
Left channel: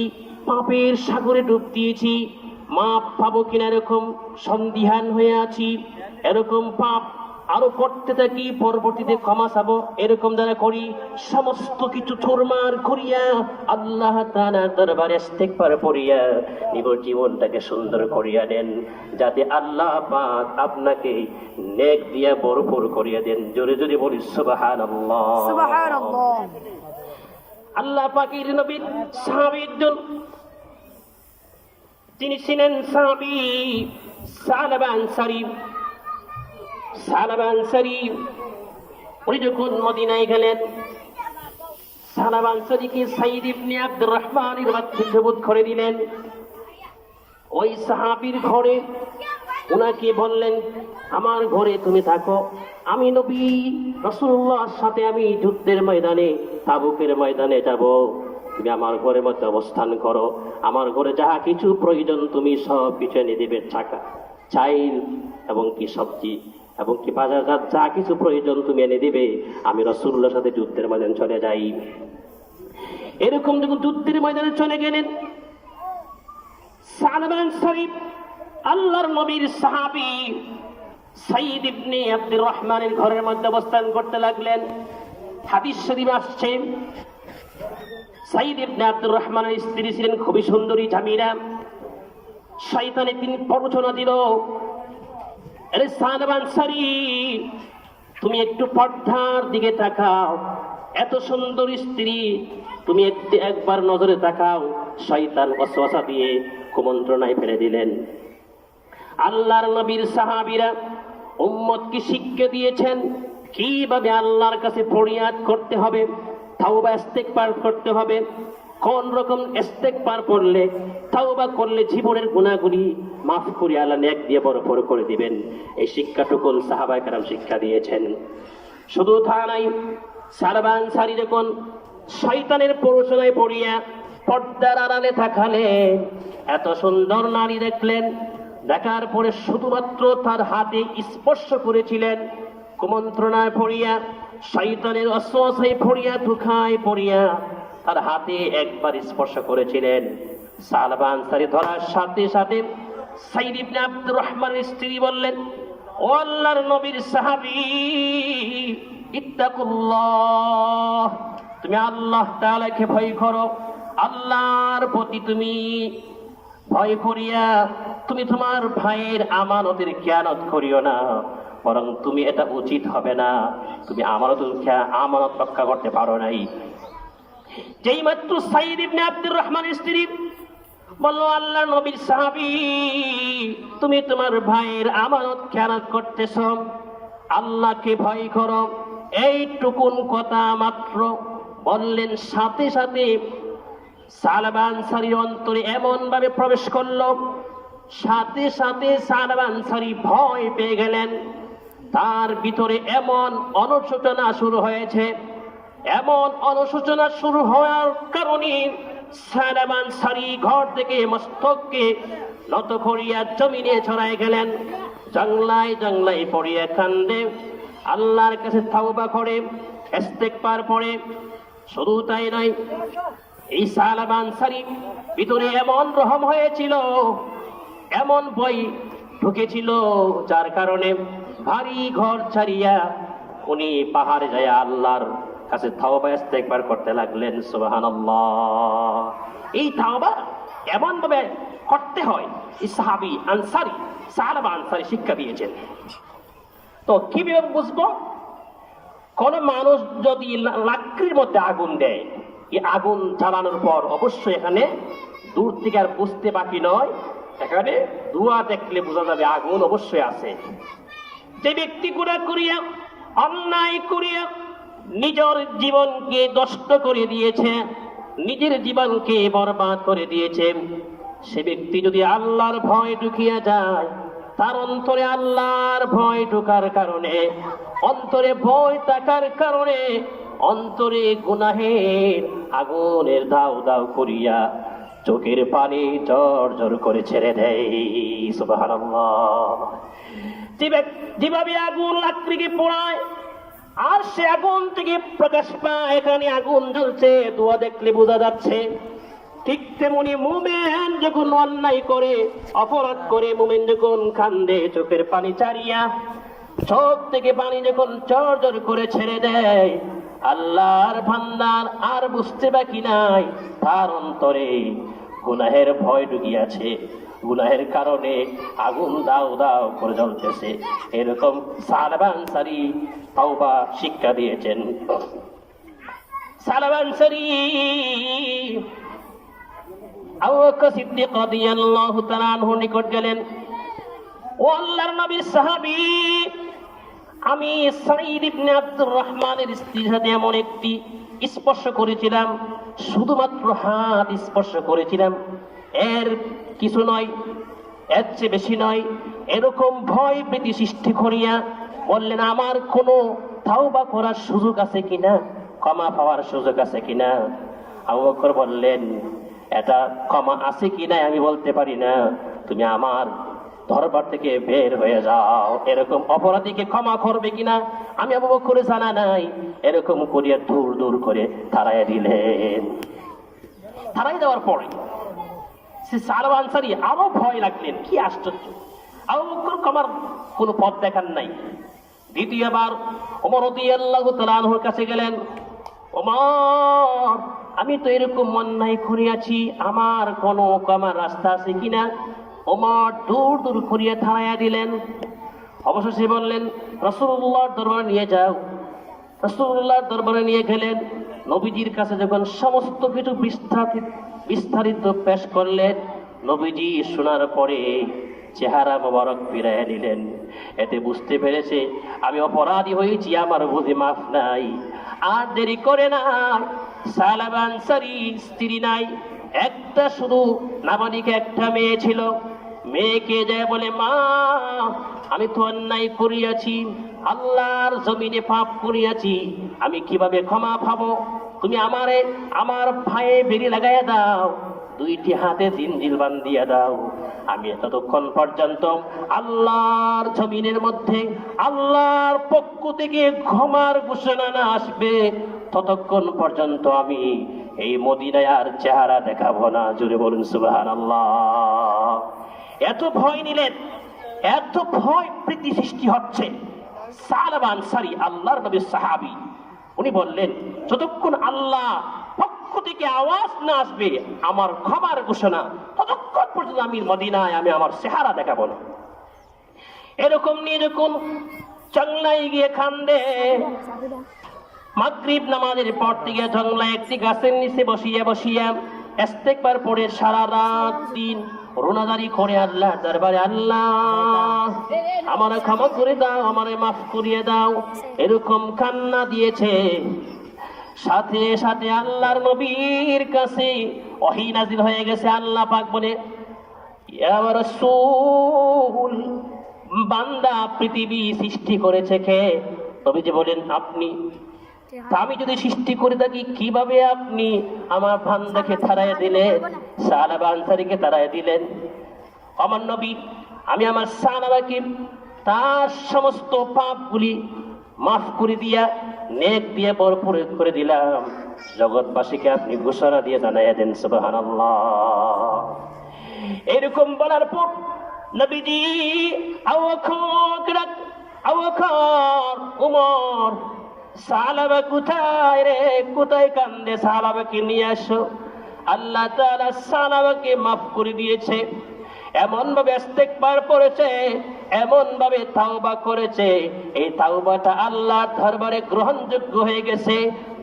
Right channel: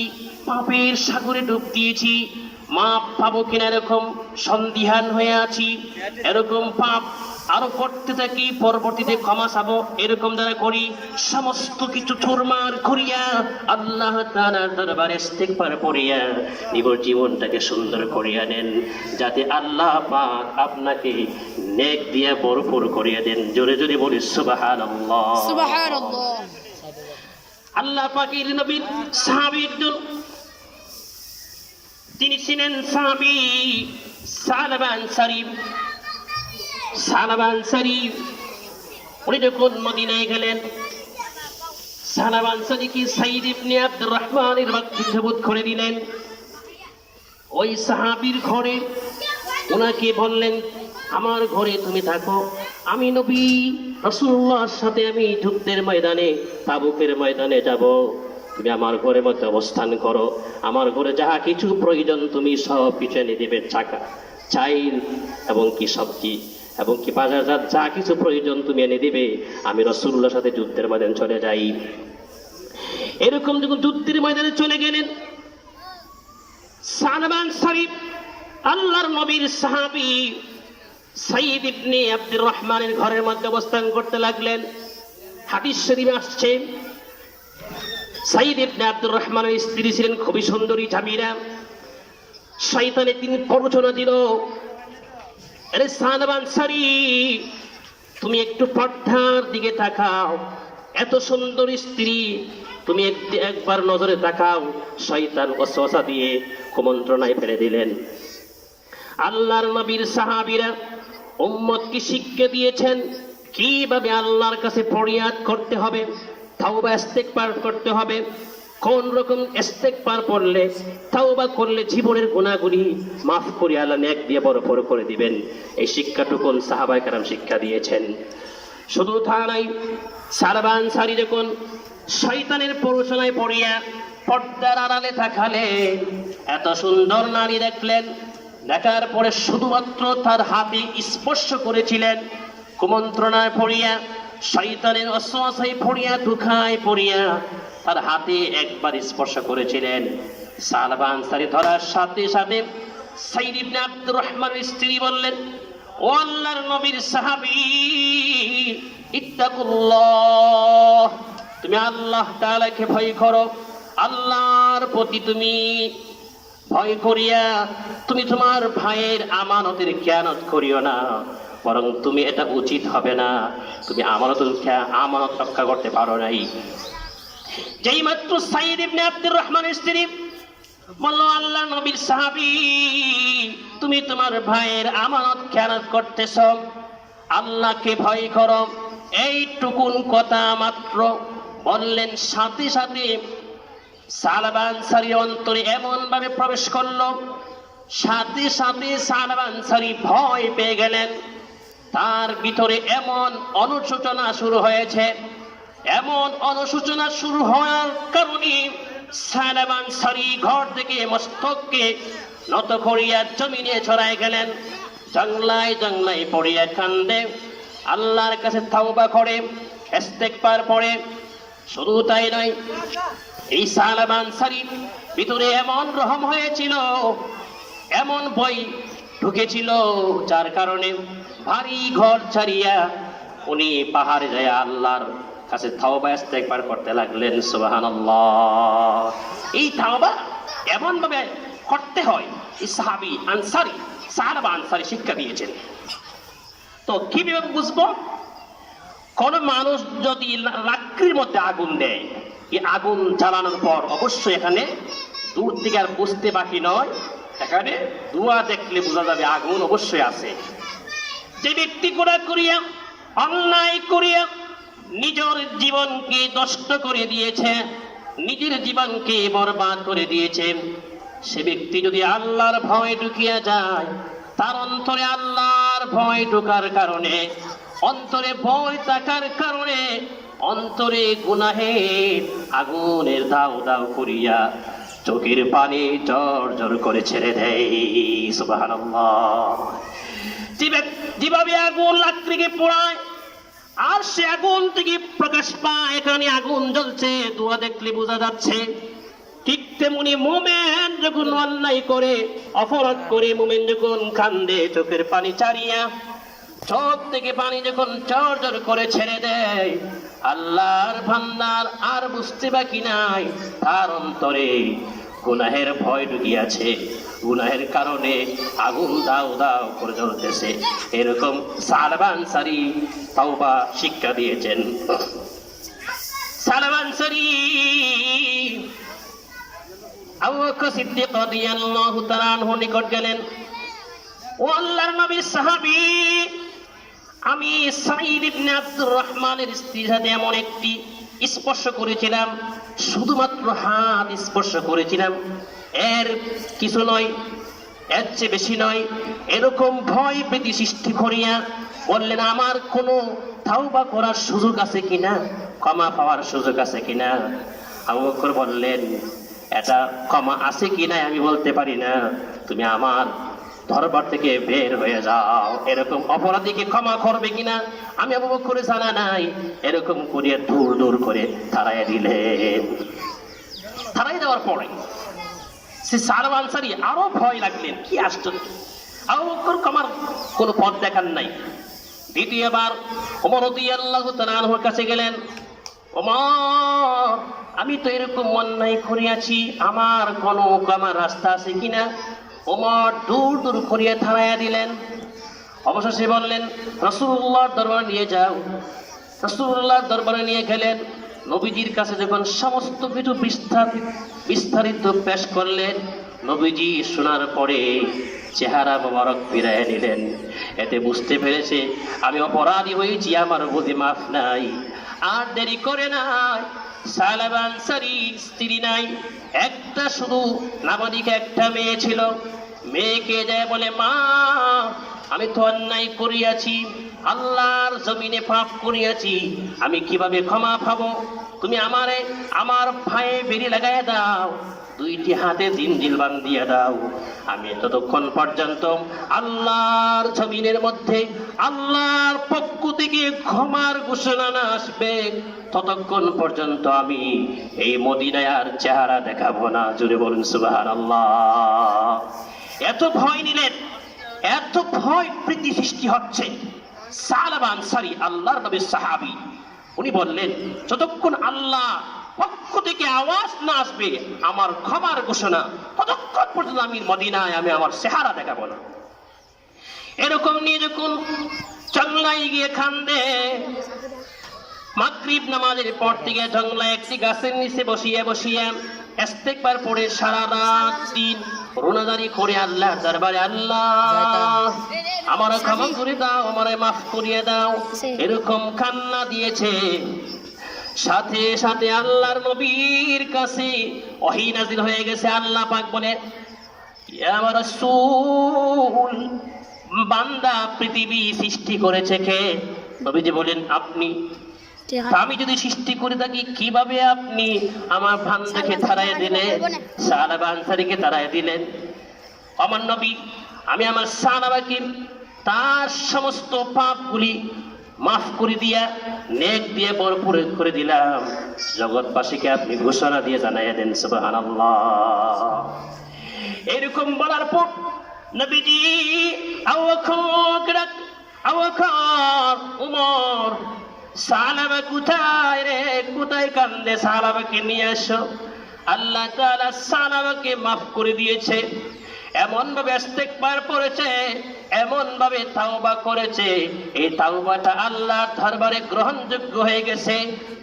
পাপের সাগরে ডুব দিয়েছি, মাপ পাবো কিনা এরকম সন্দিহান হয়ে আছি, এরকম পাপ আরো করতে থাকি, পরবর্তীতে ক্ষমা চাবো, এরকম যারা করি, সমস্ত কিছু চুরমার করিয়া আল্লাহ তাআলার দরবারে ইস্তেগফার পড়িয়া নিজের জীবনটাকে সুন্দর করিয়া নেন, যাতে আল্লাহ পাক আপনাকে নেক দিয়া ভরপুর করিয়া দেন। জোরে জোরে বলি সুবহানাল্লাহ, সুবহানাল্লাহ। আল্লাহ পাকের নবী সাহাবী একজন, তিনি ছিলেন সাহাবী সালাবা আনসারী। সালাবা আনসারী উনি যখন মদিনায় গেলেন, সালাবা আনসারীকে সাইদ ইবনে আব্দুর রহমানের বাধ্যবোধ করে দিলেন। ওই সাহাবীর ঘরে ওনাকে বললেন, আমার ঘরে তুমি থাকো, আমি নবী রাসূলুল্লাহর সাথে আমি যুদ্ধের ময়দানে, তাবুকের ময়দানে যাব, তুমি আমার ঘরের মধ্যে অবস্থান করো, আমার ঘরে যাহা কিছু প্রয়োজন তুমি সব কিছু এনে দেবে, চাইল এবং কি সবজি এবং কি বাজারজাত যা কিছু প্রয়োজন তুমি এনে দিবে, আমি রাসূলুল্লাহর সাথে যুদ্ধের ময়দানে চলে যাই। এরকম যখন যুদ্ধের ময়দানে চলে গেলেন, সালাবা আনসারী আল্লাহর নবীর সাহাবী সাইদ ইবনে আব্দুর রহমানের ঘরের মধ্যে অবস্থান করতে লাগলেন। হাদিস শরীফে আসছে, সাইদ ইবনে আব্দুর রহমানের স্ত্রী ছিলেন খুবই সুন্দরী জামিলা। শয়তানে তিনি প্ররোচনা দিল, আরে সালাবা আনসারী, তুমি একটু পর্দার দিকে তাকাও, এত সুন্দর স্ত্রী, তুমি একবার নজরে তাকাও। শয়তান ওয়াসওয়াসা দিয়ে কুমন্ত্রণায় ফেলে দিলেন। আল্লাহর নবীর সাহাবীরা উম্মতকে শিক্ষা দিয়েছেন কিভাবে আল্লাহর কাছে ফরিয়াদ করতে হবে, তাওবা ইস্তেগফার করতে হবে, কোন রকম ইস্তেগফার পড়লে, তাওবা করলে জীবনের গুনাহগুলি মাফ করে আল্লাহ নেক দিয়ে ভরপুর করে দিবেন। এই শিক্ষাটুকু সাহাবায়ে কেরাম শিক্ষা দিয়েছেন। শুধু তা নাই, সালাবা আনসারী যখন শয়তানের প্ররোচনায় পড়িয়া পর্দার আড়ালে থাকালেন, এত সুন্দর নারী দেখলেন, দেখার পরে শুধুমাত্র তার হাতে স্পর্শ করেছিলেন, কুমন্ত্রণায় পড়িয়া, শয়তানের ওয়াসওয়াসায় পড়িয়া, ধোঁকায় পড়িয়া তার হাতে একবার স্পর্শ করেছিলেন। সালাবা আনসারী ধরার সাথে সাথে সাইদ ইবনে আব্দুর রহমানের স্ত্রী বললেন, ও আল্লাহর নবীর সাহাবী, ইত্তাকুল্লাহ, তুমি আল্লাহ তাআলাকে ভয় করো, আল্লাহর প্রতি তুমি ভয় করিয়া তুমি তোমার ভাইয়ের আমানতের খেয়ানত করিও না, বরং তুমি এটা উচিত হবে না, তুমি আমানত রক্ষা করতে পারো নাই। যেই মাত্র সাইদ ইবনে আব্দুর রহমানের স্ত্রী বলল, আল্লাহর নবীর সাহাবী, তুমি তোমার ভাইয়ের আমানত খেয়ানত করতেছ, আল্লাহকে ভয় করো, এইটুকুন কথা মাত্র বললেন, সাথে সাথে সালবা আনসারী অন্তরে এমন ভাবে প্রবেশ করলো, সাথে সাথে সালবা আনসারী ভয় পেয়ে গেলেন। তার ভিতরে এমন অনুশোচনা শুরু হয়েছে, এমন অনুশোচনা শুরু হওয়ার কারণে সালবা আনসারী ঘর থেকে মস্তককে নত করিয়া জমিনে ছড়াই গেলেন, জংলায় জংলায় পড়িয়া কান্দে, আল্লাহর কাছে তাওবা করে, ইস্তেগফার পড়ে। শুধু তাই নয়, এই সালবা আনসারী ভিতরে এমন রহম হয়েছিল, এমন ভয় ঢুকেছিল, যার কারণে ভারী ঘর ছাড়িয়া উনি পাহাড়ে যায় আল্লাহর কাছে তাওবা ইস্তেগফার করতে লাগলেন। সুবহানাল্লাহ। এই তাওবা এমন ভাবে করতে হয়, এই সাহাবী আনসারী সালবা আনসারী শিক্ষা দিয়েছেন। তো কিভাবে বুঝবো? কোন মানুষ যদি লাকড়ির মধ্যে আগুন দেয়, এই আগুন জ্বালানোর পর অবশ্যই এখানে দূর থেকে আর বুঝতে বাকি নয়, এখানে ধোঁয়া দেখলে বোঝা যাবে আগুন অবশ্যই আছে। যে ব্যক্তি গুনাহ করিয়া, অন্যায় করিয়া নিজের জীবনকে নষ্ট করে দিয়েছে, নিজের জীবনকে বরবাদ করে দিয়েছে, সে ব্যক্তি যদি আল্লাহর ভয় ঢুকিয়া যায়, তার অন্তরে আল্লাহর ভয় ঢোকার কারণে, অন্তরে ভয় থাকার কারণে অন্তরে গুনাহের আগুনের দাউ দাউ করিয়া চোখের পানি জর জর করে ছেড়ে দেয়। সুবহানাল্লাহ। যেভাবে আগুন লাকড়িকে পোড়ায় আর সে আগুন থেকে প্রকাশ পায়, এখানে আগুন জ্বলছে, ধোঁয়া দেখলে বোঝা যাচ্ছে, ঠিক তেমনি মুমিন যখন অন্যায় করে, অপরাধ করে, মুমিন যখন কান্দে, চোখের পানি ছাড়িয়া, চোখ থেকে পানি যখন জর জর করে ছেড়ে দেয়, আল্লাহর ভান্ডার আর বুঝতে বাকি নাই, তার অন্তরে গুনাহের ভয় ঢুকিয়াছে, গুনাহের কারণে আগুন দাও দাও করে জ্বলতেছে। এরকম সালবা আনসারী তাওবা শিক্ষা দিয়েছেন। সালবা আনসারী আবু বকর সিদ্দিক রাদিয়াল্লাহু তাআলা আনহু নিকট গেলেন, ও আল্লাহর নবীর সাহাবী, আমি সাঈদ ইবনে আব্দুর রহমানের স্ত্রীর সাথে এমন একটি স্পর্শ করেছিলাম, শুধুমাত্র হাত স্পর্শ করেছিলাম, এর কিছু নয়, এর চেয়ে বেশি নয়। এরকম ভয় ভীতি সৃষ্টি করিয়া বললেন, আমার কোনো তাওবা করার সুযোগ আছে কিনা, ক্ষমা পাওয়ার সুযোগ আছে কিনা? আবু বকর বললেন, এটা ক্ষমা আছে কিনা আমি বলতে পারি না, তুমি আমার দরবার থেকে বের হয়ে যাও। এরকম অপরাধীকে ক্ষমা করবে কিনা আমি আবু বকরের জানা নাই। এরকম করিয়া দূর দূর করে তাড়াইয়া দিলেন। তাড়াই দেওয়ার পরে সে সালবা আনসারী আরো ভয় লাগলেন, কি আশ্চর্য, আবু বকর ক্ষমার কোনো পথ দেখান নাই। দ্বিতীয়বার ওমর রাদিয়াল্লাহু তাআলা আনহুর কাছে গেলেন, ওমর, আমি তো এরকম অন্যায় করিয়াছি, আমার কোনো ক্ষমার রাস্তা আছে কিনা? ওমর দূর দূর করিয়া থামাইয়া দিলেন। অবশেষে বললেন, রাসূলুল্লাহর দরবারে নিয়ে যাও। রাসূলুল্লাহর দরবারে নিয়ে গেলেন। নবীজির কাছে যখন সমস্ত কিছু বিস্তারিত পেশ করলেন, নবীজি শোনার পরে চেহারা মোবারক ফিরাইয়া নিলেন। এতে বুঝতে পেরেছে আমি অপরাধী হয়েছি, আমার বুঝি মাফ নাই। আর দেরি করে নাই, সালবা আনসারী স্ত্রী নাই, একটা শুধু নাবালিকা একটা মেয়ে ছিল। মেয়েকে যায় বলে, মা, আমি তো অন্যায় করিয়াছি, আল্লাহর জমিনে পাপ করিয়াছি, আমি কিভাবে ক্ষমা পাবো? তুমি আমারে আমার পায়ে বেড়ি লাগাইয়া দাও, দুইটি হাতে জিনজিল বান্ধিয়া দাও, আমি ততক্ষণ পর্যন্ত আল্লাহর জমিনের মধ্যে আল্লাহর পক্ষ থেকে ক্ষমার ঘোষণা না আসবে, ততক্ষণ পর্যন্ত আমি এই মদিনায় আর চেহারা দেখাবো না। জুড়ে বলুন সুবহানাল্লাহ। এত ভয় নিলেন, এত ভয় প্রীতি সৃষ্টি হচ্ছে। সালবা আনসারী আল্লাহর নবীর সাহাবী, উনি বললেন, যতক্ষণ আল্লাহ পক্ষ থেকে আওয়াজ না আসবে আমার ক্ষমার ঘোষণা, ততক্ষণ পর্যন্ত আমি মদিনায় আমি আমার চেহারা দেখাবো না। এরকম নিয়ে যখন জংলায় গিয়ে কান্দে, মাগরিব নামাজের পর থেকে জংলায় একটি গাছের নিচে বসিয়া বসিয়া ইস্তেগফার পড়ে সারা রাত দিন রোনাদারি করে আল্লাহ দরবারে, আল্লাহ আমারে ক্ষমা করে দাও, আমারে মাফ করিয়ে দাও, এরকম কান্না দিয়েছে। সাথে সাথে আল্লাহর নবীর কাছে ওহী নাযিল হয়ে গেছে। আল্লাহ পাক বলে, ইয়া রাসূল, বান্দা পৃথিবী সৃষ্টি করেছে কে? নবীজি বলেন, আপনি। তা আমি যদি সৃষ্টি করে থাকি, কিভাবে আপনি আমার বান্দাকে তাড়াইয়া দিলেন, সাহাবা আনসারীকে তাড়াইয়া দিলেন? আমার নবী, আমি আমার সাহাবাকে তার সমস্ত পাপগুলি মাফ করে দিয়া নেক দিয়ে ভরপুর করে দিলাম। জগৎবাসীকে আপনি ঘোষণা দিয়ে জানাইয়া দেন সুবহানাল্লাহ। এরকম বলার পর নবীজি আবু বকর, উমর, সাহাবা কোথায় রে, কোথায় কান্দে? সাহাবাকে নিয়ে আসো। আল্লাহ তাআলা সাহাবাকে মাফ করে দিয়েছে। এমন ভাবে ইস্তেগফার করেছে, এমন ভাবে তাওবা করেছে, এই তাওবাটা আল্লাহর দরবারে গ্রহণযোগ্য হয়ে গেছে,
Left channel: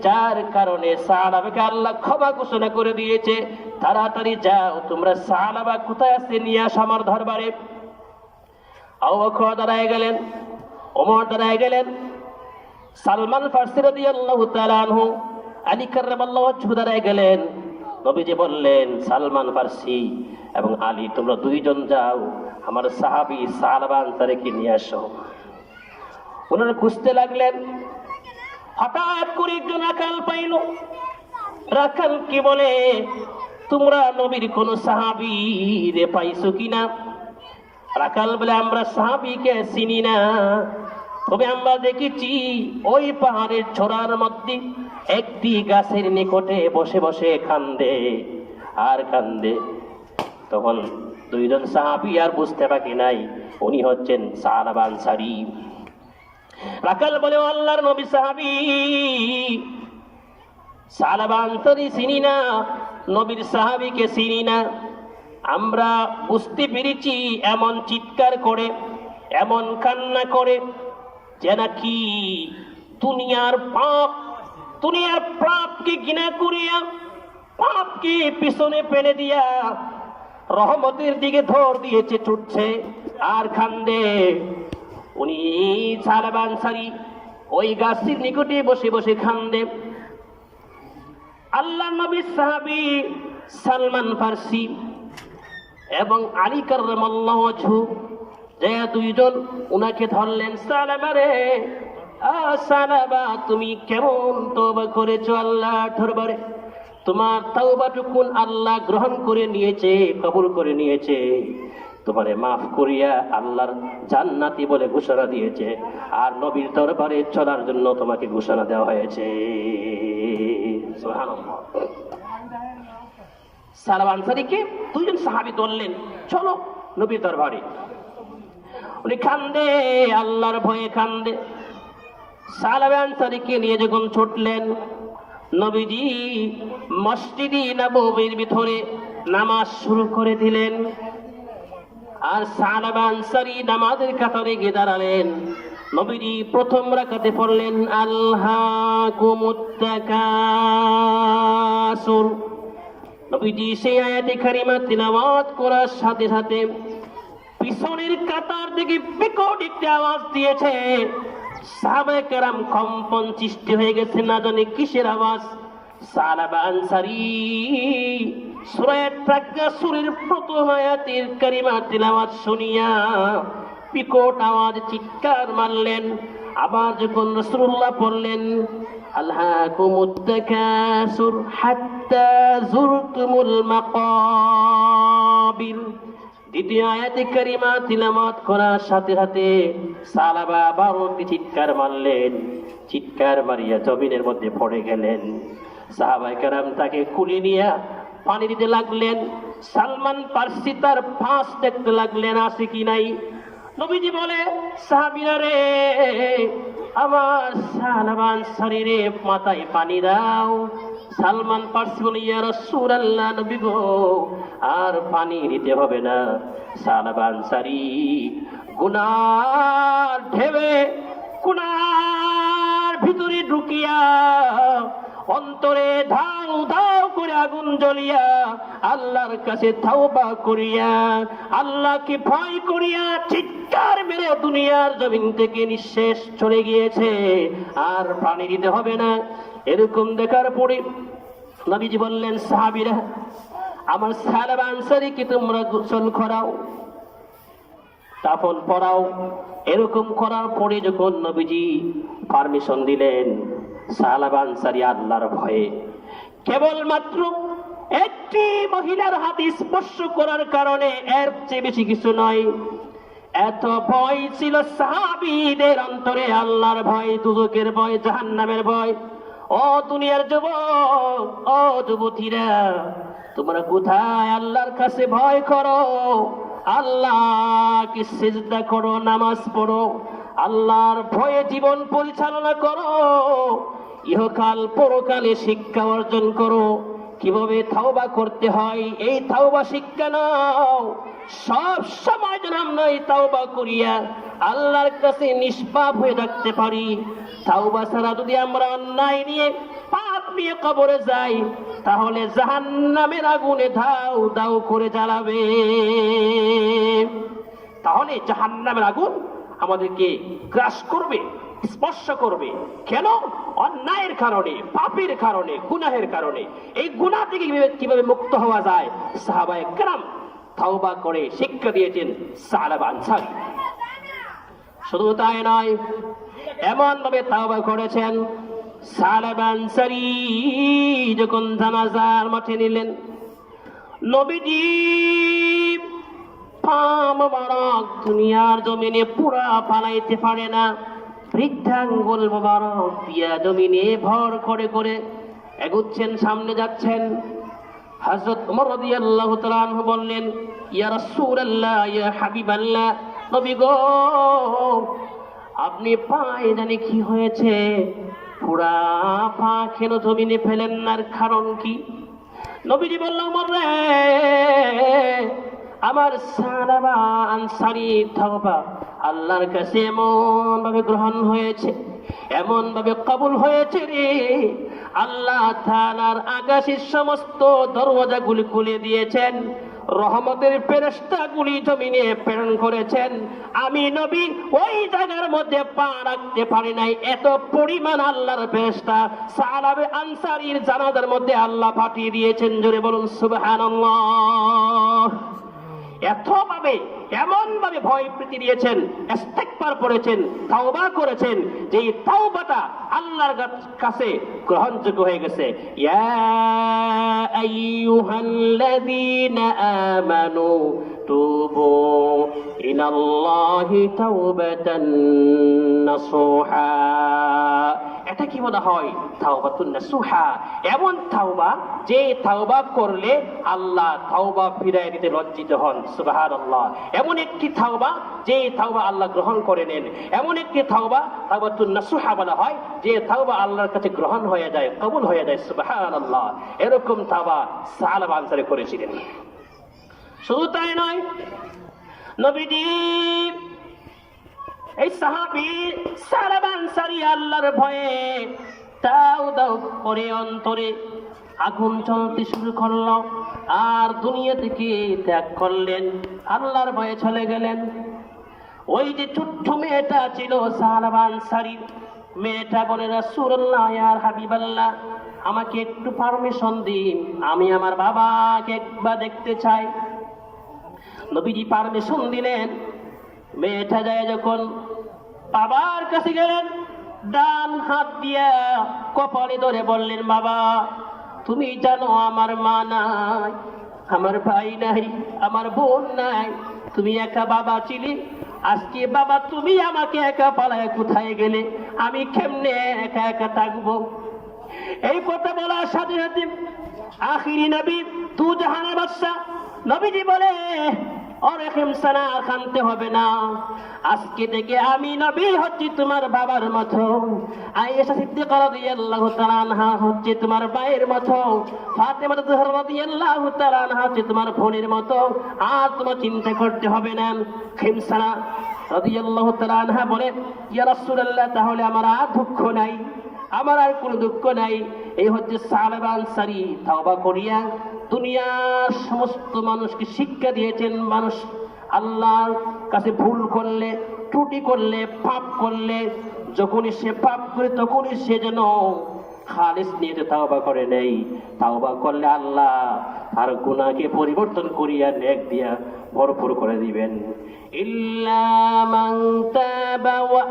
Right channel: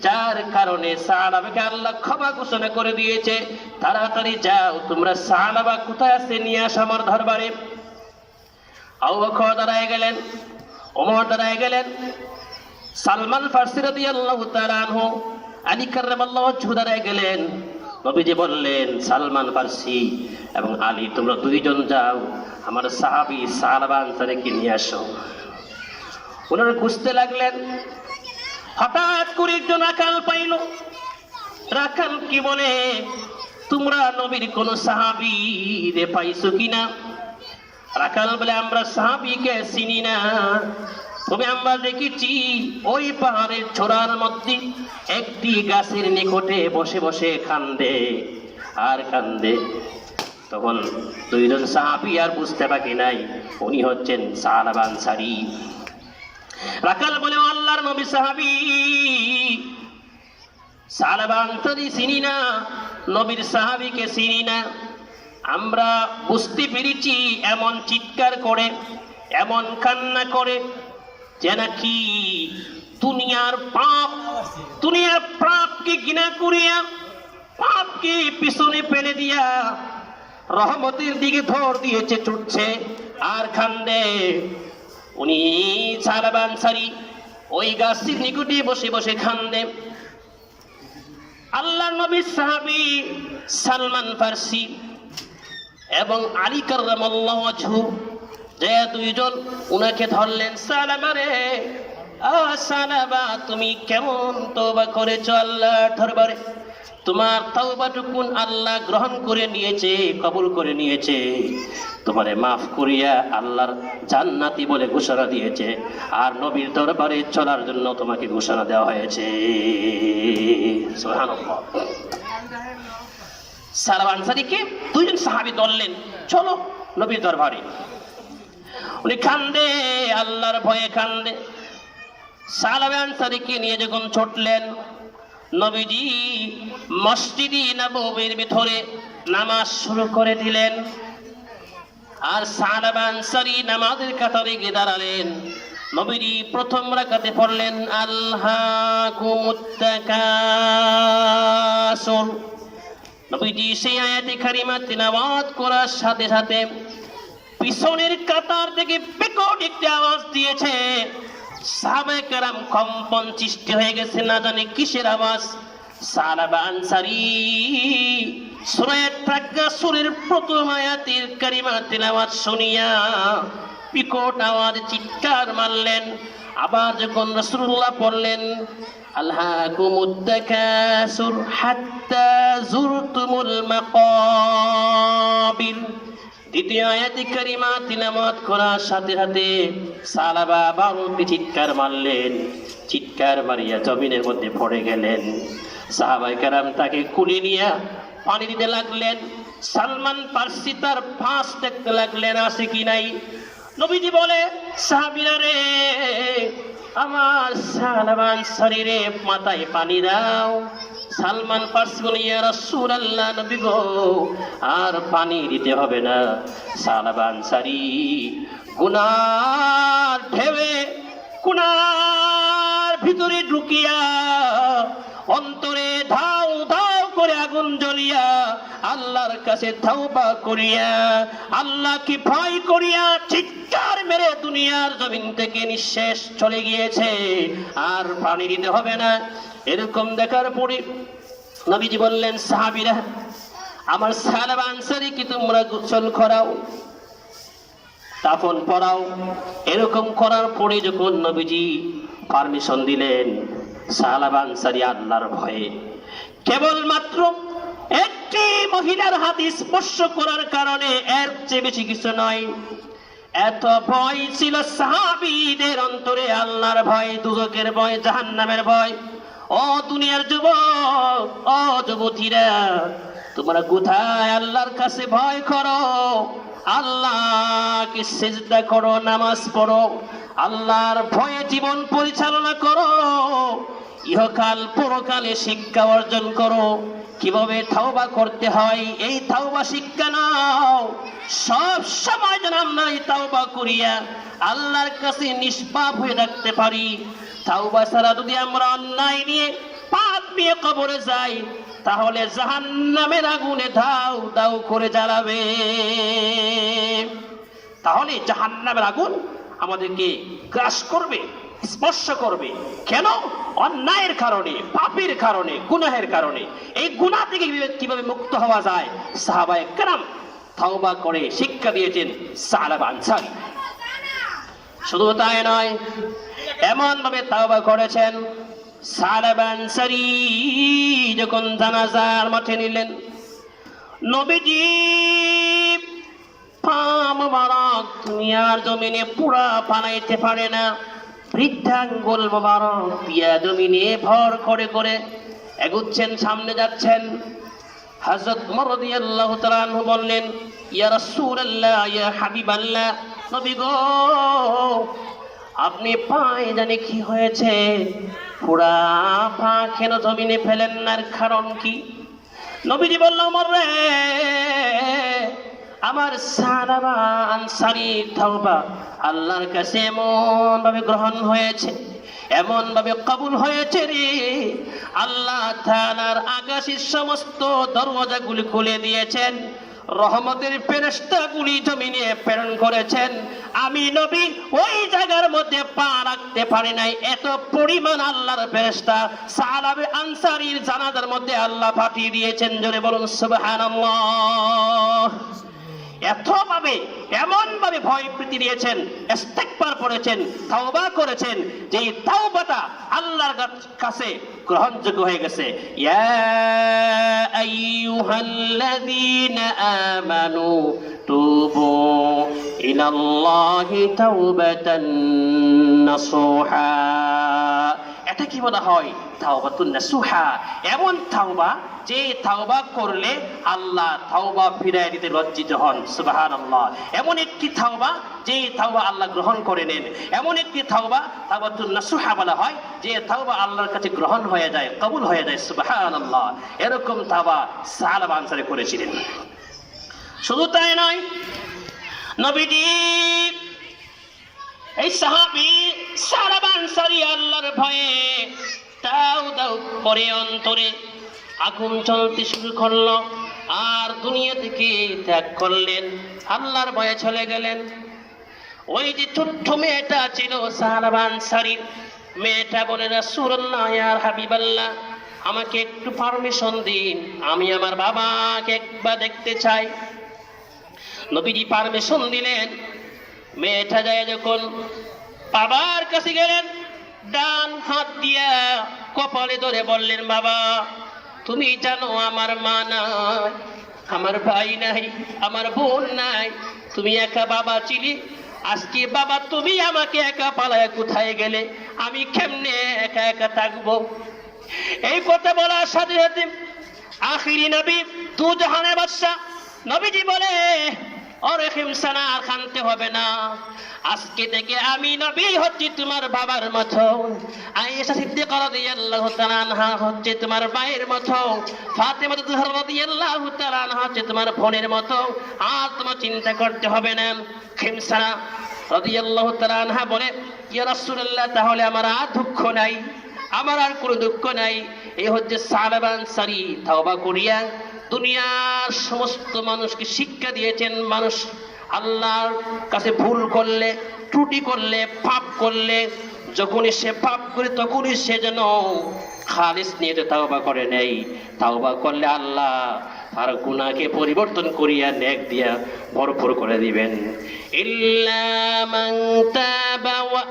যার কারণে সাহাবাকে আল্লাহ ক্ষমা ঘোষণা করে দিয়েছে। তাড়াতাড়ি যাও, তোমরা সাহাবা কোথায় আছে নিয়ে আসো আমার দরবারে। আবু বকর দাঁড়ায় গেলেন, ওমর দাঁড়ায় গেলেন, সালমান ফারসি রাদিয়াল্লাহু তাআলা আনহু, আলী কাররামাল্লাহু ওয়াজহু দাঁড়ায় গেলেন। নবীজি বললেন, সালমান ফারসি এবং আলী, তোমরা দুইজন যাও, আমার সাহাবী সাহাবা আনসারীকে নিয়ে আসো। ওনারা খুঁজতে লাগলেন। হঠাৎ করে একজন রাখাল পাইল। রাখাল কি বলে, তোমরা নবীর কোন সাহাবী রে পাইছো কিনা? রাখাল বলে, আমরা সাহাবীকে চিনি না, তবে আমরা দেখেছি ওই পাহাড়ের ছোড়ার মধ্যে একটি গাছের নিকটে বসে বসে কান্দে আর কান্দে। তখন দুইজন সাহাবী আর বুঝতে বাকি নাই, উনি হচ্ছেন সাহাবা আনসারী। রাখাল বলে, আল্লাহর নবী, সাহাবী সাহাবা আনসারী চিনি না, নবীর সাহাবীকে চিনি না। আমরা বুঝতে পেরেছি এমন চিৎকার করে, এমন কান্না করে যে নাকি দুনিয়ার পাপকে ঘৃণা করিয়া, পাপকে পিছনে ফেলে দিয়া রহমতের দিকে ধর দিয়েছে, ছুটছে আর কান্দে। উনি সাহাবা আনসারী ওই গাছের নিকটে বসে বসে কান্দে। আল্লাহর নবীর সাহাবী সালমান ফারসি এবং আলী কাররামাল্লাহু ওয়াজহু যে দুইজন উনাকে ধরলেন। সালামা রে, সালামা, তুমি কেমন তওবা করেছো আল্লাহর দরবারে? তোমার তওবাটুকুন আল্লাহ গ্রহণ করে নিয়েছে, কবুল করে নিয়েছে, তোমারে মাফ করিয়া আল্লাহর জান্নাতি বলে ঘোষণা দিয়েছে, আর নবীর দরবারে চলার জন্য তোমাকে ঘোষণা দেওয়া হয়েছে। সুবহানাল্লাহ। সাহাবা আনসারীকে দুইজন সাহাবী ধরলেন, চলো নবীর দরবারে। উনি কান্দে, আল্লাহর ভয়ে কান্দে। সাহাবা আনসারীকে নিয়ে যখন ছুটলেন, নবীজি মসজিদে নববীর ভিতরে নামাজ শুরু করে দিলেন। আর সাহাবা আনসারী নামাজের কাতারে গিয়ে দাঁড়ালেন। নবীজি প্রথম রাকাতে পড়লেন, আলহাকুমুত তাকাসুর। নবীজি সেই আয়াতে কারিমা তিলাওয়াত করার সাথে সাথে পিছনের কাতার থেকে বিকট একটি আওয়াজ দিয়েছে। সাহাবায়ে কেরাম কম্পন সৃষ্টি হয়ে গেছে, না জানি কিসের আওয়াজ। সাহাবা আনসারী সূরা তাকাসুরের প্রথম আয়াতের কারিমা তিলাওয়াত শুনিয়া বিকট আওয়াজে চিৎকার মারলেন। আবার যখন রাসূলুল্লাহ পড়লেন, আলহাকুমুত তাকাসুর হাত্তা যুরতুমুল মাকাবির, দ্বিতীয় আয়াতে কারিমা তিলাওয়াত করার সাথে সাথে সাহাবা বারোটি চিৎকার মারলেন। চিৎকার মারিয়া জমিনের মধ্যে পড়ে গেলেন। সাহাবায়ে কেরাম তাকে কুলে নিয়ে পানি দিতে লাগলেন। সালমান ফারসি তার ফাঁস দেখতে লাগলেন, আছে কি নাই। নবীজি বলে, সাহাবীরা রে, আমার সালমান শরীরে মাথায় পানি দাও। সালমান ফারসি বলে, ইয়া রাসূলুল্লাহ, নবী গো, আর পানি দিতে হবে না। সাহাবা আনসারী গুনার ঢেউয়ে, গুনার ভিতরে ঢুকিয়া অন্তরে ধাউ ধাউ করে আগুন জ্বলিয়া আল্লাহর কাছে তওবা করিয়া আল্লাহকে ভয় করিয়া চিৎকার মেরে দুনিয়ার জমিন থেকে নিঃশেষ চলে গিয়েছে, আর পানি দিতে হবে না। এরকম দেখার পরে নবীজি বললেন, সাহাবীরা আমার সালাবা আনসারীকে তোমরা গোসল করাও, কাফন পরাও। এরকম করার পরে যখন নবীজি পারমিশন দিলেন, সালাবা আনসারী আল্লাহর ভয়ে কেবলমাত্র একটি মহিলার হাত স্পর্শ করার কারণে, এর চেয়ে বেশি কিছু নয়, এত ভয় ছিল সাহাবীদের অন্তরে, আল্লাহর ভয়, দুজকের ভয়, জাহান্নামের ভয়। ও দুনিয়ার যুবক, ও যুবতীরা, তোমরা কোথায় আল্লাহর কাছে ভয় করো, আল্লাহকে সিজদা করো, নামাজ পড়ো, আল্লাহর ভয়ে জীবন পরিচালনা করো, ইহকাল পরকালে শিক্ষা অর্জন করো, কিভাবে তাওবা করতে হয় এই তাওবা শিক্ষা নাও। সব সময় যেন আমরা এই তাওবা করিয়া আল্লাহর কাছে নিষ্পাপ হয়ে থাকতে পারি। তাওবা ছাড়া যদি আমরা অন্যায় নিয়ে, পাপ নিয়ে কবরে যাই, তাহলে জাহান্নামের আগুনে ধাউ দাউ করে জ্বালাবে। তাহলে জাহান্নামের আগুন আমাদেরকে গ্রাস করবে, স্পর্শ করবে। কেন? অন্যায়ের কারণে, পাপের কারণে, গুনাহের কারণে। এই গুনাহ থেকে কিভাবে মুক্ত হওয়া যায়, সাহাবায়ে কেরাম তাওবা করে শিক্ষা দিয়েছেন সালাবা আনসারী। শুধু তাই নয়, এমন ভাবে তাওবা করেছেন, সালাবা আনসারী যখন জানাজার মাঠে নিলেন, নবীজি পা মোবারক দুনিয়ার জমিনে পুরা পালাইতে পারে না, বৃদ্ধাঙ্গুল মোবারক দিয়া জমিনে ভর করে করে এগুচ্ছেন, সামনে যাচ্ছেন। হযরত ওমর রাদিয়াল্লাহু তাআলা আনহু বললেন, ইয়া রাসূলুল্লাহ, ইয়া হাবিবাল্লাহ, নবী গো, আপনি পায়ে জানি কি হয়েছে, পুরা পা কেন জমিনে ফেলেন না, কারণ কি? নবীজি বলল, ওমর রে, আমার সালাবা আনসারী তাওবা আল্লাহর কাছে এমন ভাবে গ্রহণ হয়েছে, এমন ভাবে কবুল হয়েছে রে, আল্লাহ তাআলার আকাশের সমস্ত দরওয়াজাগুলি খুলে দিয়েছেন, রহমতের ফেরেশতাগুলি জমিনে প্রেরণ করেছেন। আমি নবী ওই জায়গার মধ্যে পা রাখতে পারি নাই, এত পরিমাণ আল্লাহর ফেরেশতা সালাবা আনসারীর জানাজার মধ্যে আল্লাহ পাঠিয়ে দিয়েছেন। জোরে বলুন সুবহানাল্লাহ। এতভাবে, এমন ভাবে ভয় প্রীতি দিয়েছেন, ইস্তিগফার করেছেন, তাওবা করেছেন, যে তাওবাটা আল্লাহর কাছে গ্রহণযোগ্য হয়ে গেছে। ইয়া আইয়ুহাল্লাযীনা আমানু তুবু ইলাল্লাহি তাওবাতান নাসুহা। এটা কি বলা হয়? তাওবাতুন নাসুহা, এমন তাওবা যে তাওবা করলে আল্লাহ তাওবা ফিরায় দিতে লজ্জিত হন। সুবহানাল্লাহ। এমন একটি তাওবা যে তাওবা আল্লাহ গ্রহণ করে নেন, এমন একটি তাওবা তাওবাতুন নাসুহা বলা হয়, যে তাওবা আল্লাহর কাছে গ্রহণ হয়ে যায়, কবুল হয়ে যায়। সুবহানাল্লাহ। এরকম তাওবা সালাবা আনসারী করেছিলেন। শুধু তাই নয়, নবীজি এই সাহাবী সালাবা আনসারী আল্লাহর ভয়ে দাউ দাউ করে অন্তরে আগুন জ্বলতে শুরু করলো, আর দুনিয়া থেকে ত্যাগ করলেন, আল্লাহর ভয়ে চলে গেলেন। ওই যে ছোট্ট মেয়েটা ছিল সালাবা আনসারী, মেয়েটা বলে, রাসূলুল্লাহ, ইয়া হাবিবাল্লাহ, আমাকে একটু পারমিশন দিন, আমি আমার বাবাকে একবার দেখতে চাই। নবীজি পারমিশন দিলেন। মেয়েটা যায় যখন বাবার কাছে গেলেন, ডান হাত দিয়া কপালে ধরে বললেন, বাবা, তুমি জানো আমার মা নাই, আমার ভাই নাই, আমার বোন নাই, তুমি একা বাবা ছিলি, আজকে বাবা তুমি আমাকে একা পালায় কোথায় গেলে, আমি কেমনে একা একা থাকবো? এই কথা বলার সাথে সাথে আখিরি নবী, দু জাহানের বাদশা নবীজি বলে, ওরে হিমসানা, আর কানতে হবে না, আজকে থেকে আমি নবী হচ্ছি তোমার বাবার মতো, আয়েশা সিদ্দিকা রাদিয়াল্লাহু তাআলা আনহা হচ্ছে তোমার ভাইয়ের মতো, ফাতেমা জাহরা রাদিয়াল্লাহু তাআলা আনহা হচ্ছে তোমার বোনের মতো, আর তোমার চিন্তা করতে হবে না। হিমসানা রাদিয়াল্লাহু তাআলা আনহা বলে, ইয়া রাসূলুল্লাহ, তাহলে আমার আর দুঃখ নাই, আমার আর কোনো দুঃখ নাই। এই হচ্ছে সালাবা আনসারী তাওবা করিয়া দুনিয়ার সমস্ত মানুষকে শিক্ষা দিয়েছেন, মানুষ আল্লাহর কাছে ভুল করলে, ত্রুটি করলে, পাপ করলে, যখনই সে পাপ করে তখনই সে যেন খালিস নিয়তে তাওবা করে নেই, তাওবা করলে আল্লাহ তার গুনাহকে পরিবর্তন করিয়া নেক দিয়া ভরপুর করে দিবেন। ইল্লা মান তাবা ওয়া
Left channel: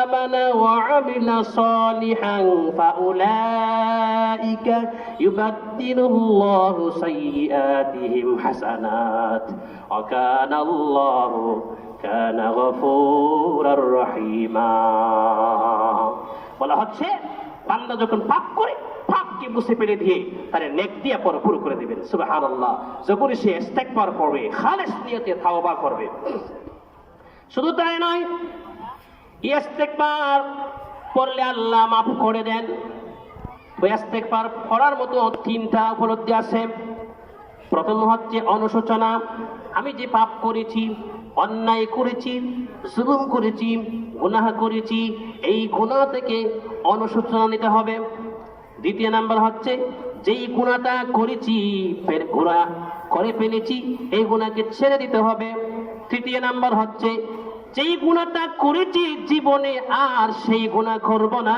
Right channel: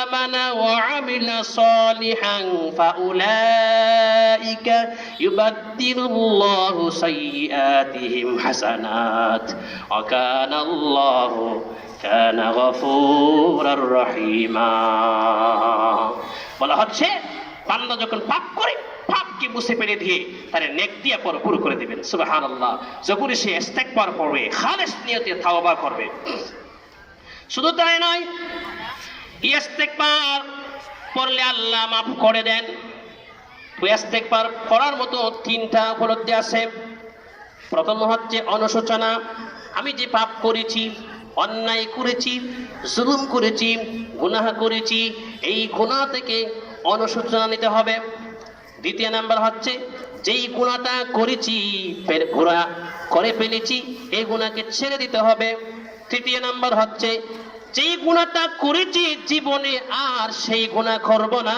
আমানা ওয়া আমিলা সালিহান ফাউলাইকা ইউবাদদিলুল্লাহু সাইয়্যাতিহিম হাসানাত ওয়া কানাল্লাহু কানা গফুরার রহিমা। বলা হচ্ছে বান্দা যখন পাপ করে পাপকে মুছে ফেলে দিয়ে তার নেক দিয়া পুরো করে দিবেন। সুবহানাল্লাহ। যখন সে ইস্তেগফার করবে, খালিস নিয়তে তাওবা করবে, শুধু তাই নয়, ইস্তেগফার করলে আল্লাহ মাফ করে দেন। তো ইস্তেগফার করার মতো তিনটা উপলব্ধি আছে। প্রথম হচ্ছে অনুশোচনা। আমি যে পাপ করেছি, অন্যায় করেছি, জুলুম করেছি, গুনাহ করেছি, এই গুনাহ থেকে অনুশোচনা নিতে হবে। দ্বিতীয় নাম্বার হচ্ছে যেই গুনাহটা করেছি গুনাহ করে ফেলেছি, এই গুনাহকে ছেড়ে দিতে হবে। তৃতীয় নাম্বার হচ্ছে যেই গুনাহটা করেছি জীবনে আর সেই গুনাহ করব না,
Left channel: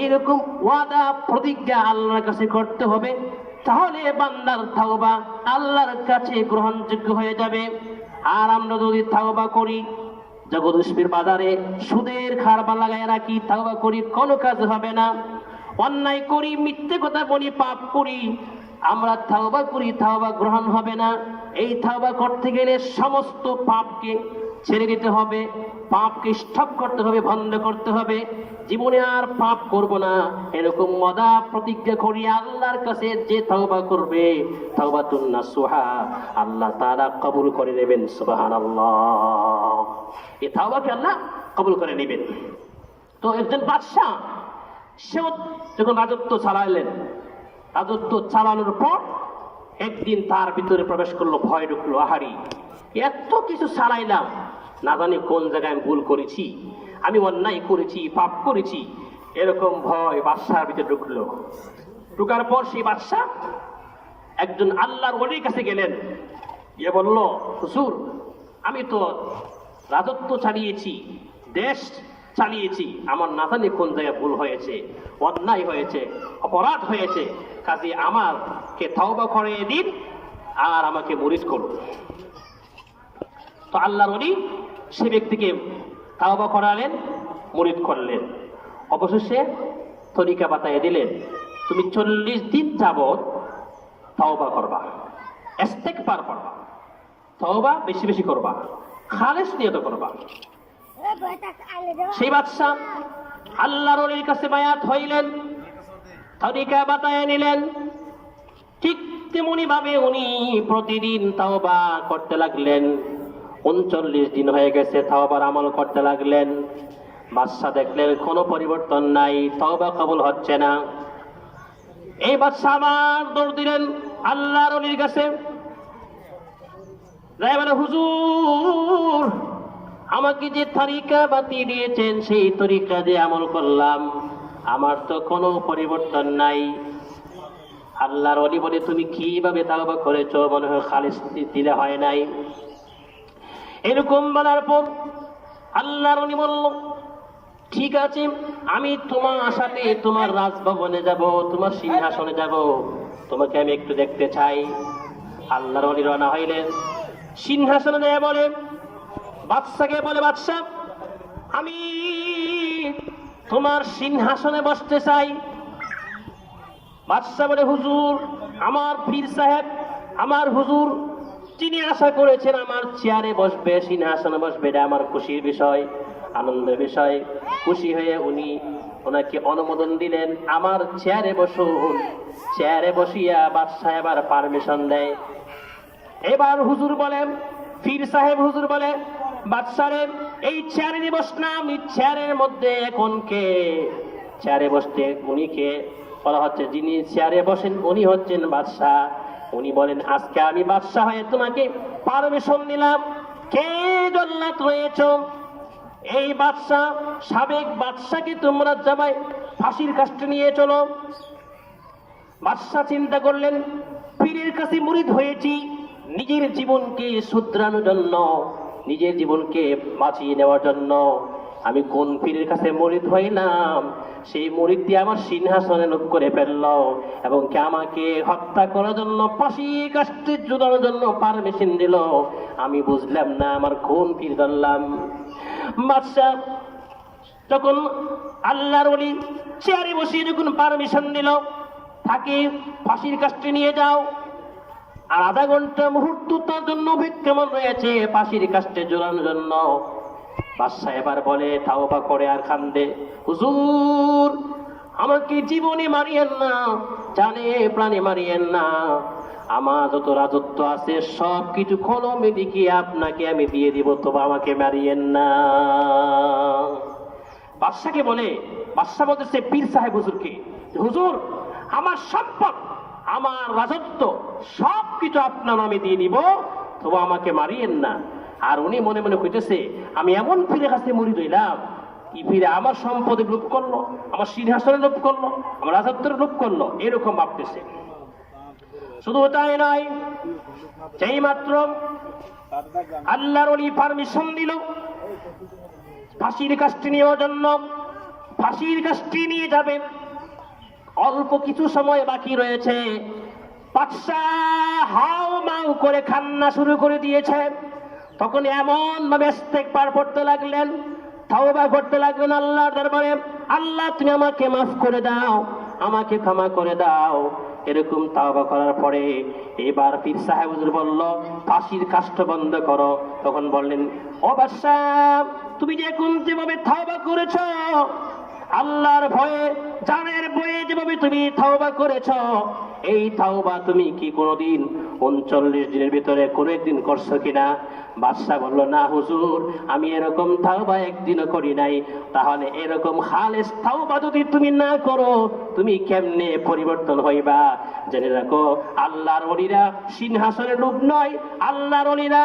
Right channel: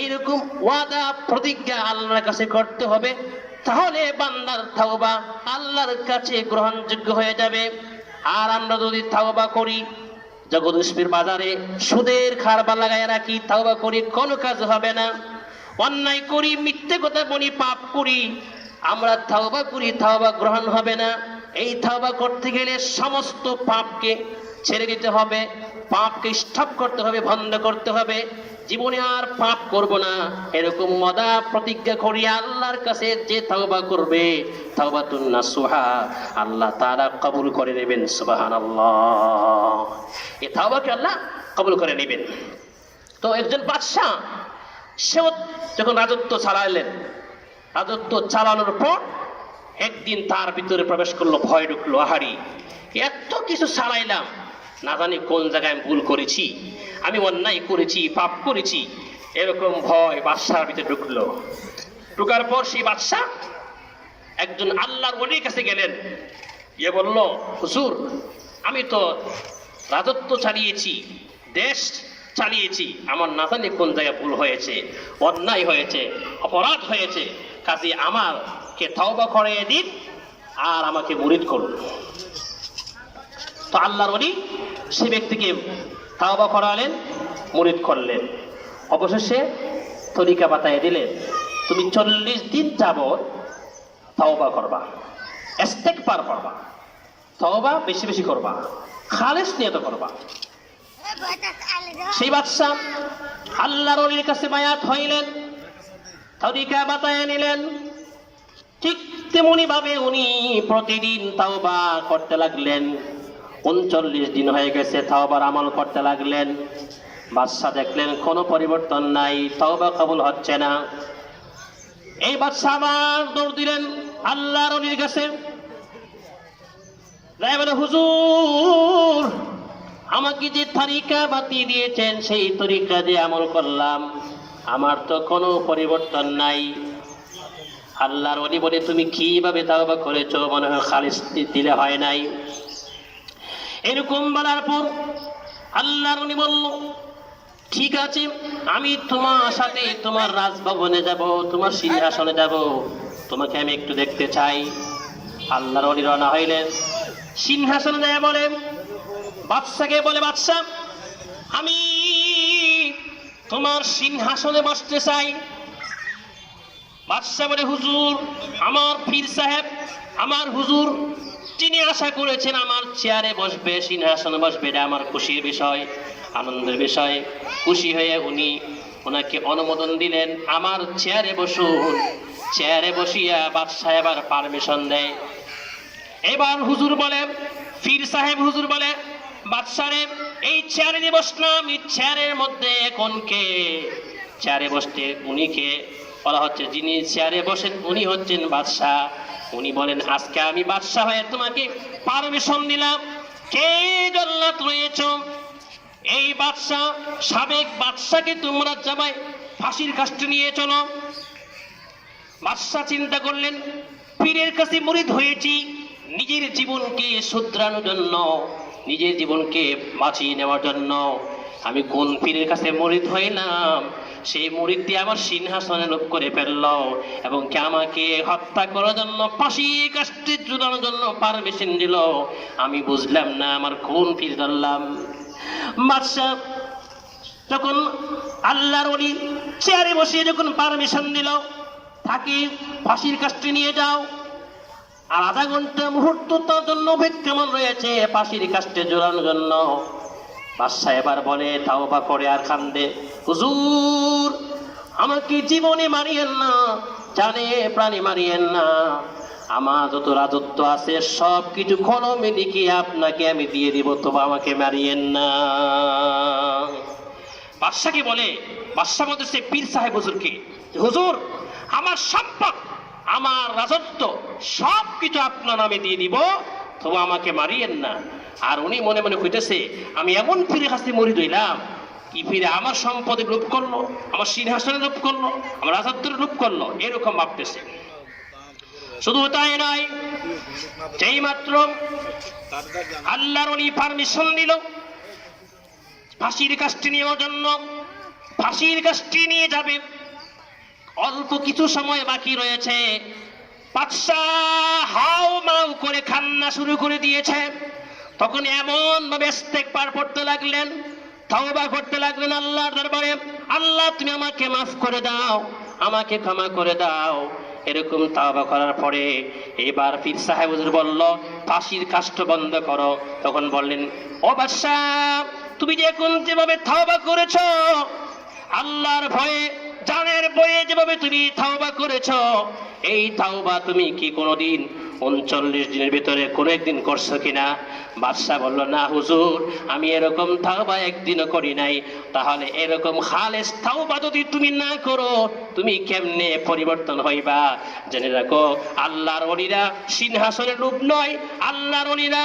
এইরকম ওয়াদা প্রতিজ্ঞা আল্লাহর কাছে করতে হবে। তাহলে বান্দার তাওবা আল্লাহর কাছে গ্রহণযোগ্য হয়ে যাবে। আর আমরা যদি তাওবা করি, জগদীশপুর বাজারে সুদের খারবা লাগায় রাখি, তাওবা করি, কোনো কাজ হবে না। অন্যায় করি, মিথ্যে কথা বলি, পাপ করি, আমরা তাওবা করি, তাওবা গ্রহণ হবে না। এই তাওবা করতে গেলে সমস্ত পাপকে ছেড়ে দিতে হবে, পাপকে স্টপ করতে হবে, বন্ধ করতে হবে। জীবনে আর পাপ করব না, এরকম ওয়াদা প্রতিজ্ঞা করি আল্লাহর কাছে যে তাওবা করবে, তাওবাতুন নাসুহা, আল্লাহ তাআলা কবুল করে নেবেন। সুবহানাল্লাহ। এই তাওবাকে আল্লাহ কবুল করে নেবেন। তো একজন বাদশা, সেও যখন রাজত্ব চালাইলেন, রাজত্ব চালানোর পর একদিন তার ভিতরে প্রবেশ করলো ভয়, ঢুকলো, আহারি এত কিছু চালাইলাম, না জানি কোন জায়গায় আমি ভুল করেছি, আমি অন্যায় করেছি, পাপ করেছি, এরকম ভয় বাদশার ভিতরে ঢুকলো। ঢুকার পর সেই বাদশা একজন আল্লাহর ওলির কাছে গেলেন, গিয়ে বলল, হুজুর, আমি তো রাজত্ব চালিয়েছি, দেশ চালিয়েছি, আমার না জানি কোন জায়গায় ভুল হয়েছে, অন্যায় হয়েছে, অপরাধ হয়েছে, কাজে আমাকে তওবা করে দিন আর আমাকে মুরিদ করুন। তো আল্লাহর ওলি সে ব্যক্তিকে তাওবা করালেন, মুরিদ করলেন। অবশেষে তরিকা বাতায় দিলেন, তুমি 40 দিন যাবত তাওবা করবা, ইস্তেগফার করবা, তাওবা বেশি বেশি করবা, খালিস নিয়ত করবা। সেই বাদশা আল্লাহর ওলির কাছে বায়াত হইলেন, তরিকা বাতায় নিলেন। ঠিক তেমনি ভাবে উনি প্রতিদিন তাওবা করতে লাগলেন। 39 দিন হয়ে গেছে, তাওবার আমল করতে লাগলেন। বাদশা দেখলেন কোনো পরিবর্তন নাই, তাওবা কবুল হচ্ছে না। এই বাদশা আবার দৌড় দিলেন আল্লাহর ওলির কাছে, বলে, হুজুর, আমাকে যে তরিকা বাতিয়ে দিয়েছেন সেই তরিকা দিয়ে আমল করলাম, আমার তো কোনো পরিবর্তন নাই। আল্লাহর ওলি বলে, তুমি কিভাবে তাওবা করেছো, মনে হয় খালিস দিলে হয় নাই। এরকম বলার পর আল্লাহর ওলি বলল, ঠিক আছে, আমি তোমার সাথে তোমার রাজভবনে যাব, তোমার সিংহাসনে যাব, তোমাকে আমি একটু দেখতে চাই। আল্লাহর ওলি রওনা হইলেন, সিংহাসনে যায় বলে বাদশাকে বলে, বাদশা, আমি তোমার সিংহাসনে বসতে চাই। বাদশা বলে, হুজুর, আমার পীর সাহেব, আমার হুজুর যিনি আশা করেছেন আমার চেয়ারে বসবে, সিংহাসনে বসবে, এটা আমার খুশির বিষয়, আনন্দের বিষয়। খুশি হয়ে উনি ওনাকে অনুমোদন দিলেন, আমার চেয়ারে বসুন। চেয়ারে বসিয়া বাদশা এবার পারমিশন দেয়। এবার হুজুর বলে, পীর সাহেব হুজুর বলে, বাদশারে, এই চেয়ারে নিয়ে বসলাম, এই চেয়ারের মধ্যে এখন কে? চেয়ারে বসতে উনি কে? বলা হচ্ছে, যিনি চেয়ারে বসেন উনি হচ্ছেন বাদশা। উনি বলেন, আজকে আমি বাদশা হয়ে তোমাকে পারমিশন দিলাম, কে জল্লাদ রয়েছ? এই বাদশা, সাবেক বাদশাকে তোমরা জামাই ফাঁসির কাস্টে নিয়ে চলো। বাদশা চিন্তা করলেন, পীরের কাছে মুরিদ হয়েছি, নিজের জীবনকে শুধরানোর জন্য, নিজের জীবনকে বাঁচিয়ে নেওয়ার জন্য, আমি কোন পীরের কাছে মুরিদ হইলাম, সেই মুরিদ দিয়ে আমার সিংহাসনে লোভ করে ফেলল এবং কি আমাকে হত্যা করার জন্য ফাঁসি কাস্টে ঝুলানোর জন্য পারমিশন দিল। আমি বুঝলাম না আমার কোন পীর ধরলাম। বাদশা যখন আল্লাহর ওলি চেয়ারে বসিয়ে যখন পারমিশন দিল তাকে ফাঁসির কাস্টে নিয়ে যাও, আর আধা ঘন্টা মুহূর্ত তার জন্য কেমন রয়েছে ফাঁসির কাস্টে ঝুলানোর জন্য। বাদশা এবার বলে তাওবা করে আর কান্দে, হুজুর আমাকে জীবনে মারিয়েন না, জানে প্রাণে মারিয়েন না, আমার যত রাজত্ব আছে সব কিছু কলমে লিখে আপনাকে আমি দিয়ে দিব, তবে আমাকে মারিয়েন না। বাদশাকে বলে, বাদশা বলতেছে পীর সাহেব হুজুরকে, হুজুর আমার সম্পদ আমার রাজত্ব সব কিছু আপনার নামে দিয়ে দিব, তবে আমাকে মারিয়েন না। আর উনি মনে মনে কইতেছে আমি এমন পীরের কাছে মুরিদ হইলাম, কি পীরে আমার সম্পদে লোভ করলো, আমার সিংহাসনে লোভ করলো, আমার রাজত্বের লোভ করলো, এরকম ভাবতেছে। শুধু তাই নয়, যেই মাত্র আল্লাহর ওলি পারমিশন দিল ফাঁসির কাস্টে নেওয়ার জন্য, ফাঁসির কাস্টে নিয়ে যাবে, অল্প কিছু সময় বাকি রয়েছে। বাদশাহ হাও মাও করে কান্না শুরু করে দিয়েছে। তখন এমন ভাবে ইস্তেগফার পড়তে লাগলেন, তাওবা করতে লাগলেন আল্লাহর দরবারে, আল্লাহ তুমি আমাকে মাফ করে দাও, আমাকে ক্ষমা করে দাও। এরকম তাওবা করার পরে এবার পীর সাহেব হুজুর বলল ফাঁসির কাষ্ট বন্ধ করো। তখন বললেন, ও বাদশাহ তুমি যে এখন যেভাবে তাওবা করেছো, আল্লাহর ভয়ে জানের বয়ে যেভাবে তুমি তাওবা করেছো, এই তাওবা তুমি কি কোনোদিন 39 দিনের ভিতরে কোনো একদিন করছো কিনা? বাদশাহ বলল, না হুজুর আমি এরকম তাওবা একদিনও করি নাই। তাহলে এরকম খালেস তাওবা যদি তুমি না করো তুমি কেমনে পরিবর্তন হইবা? জেনে রাখো আল্লাহর ওলিরা সিংহাসনের লোভ নয়, আল্লাহর ওলিরা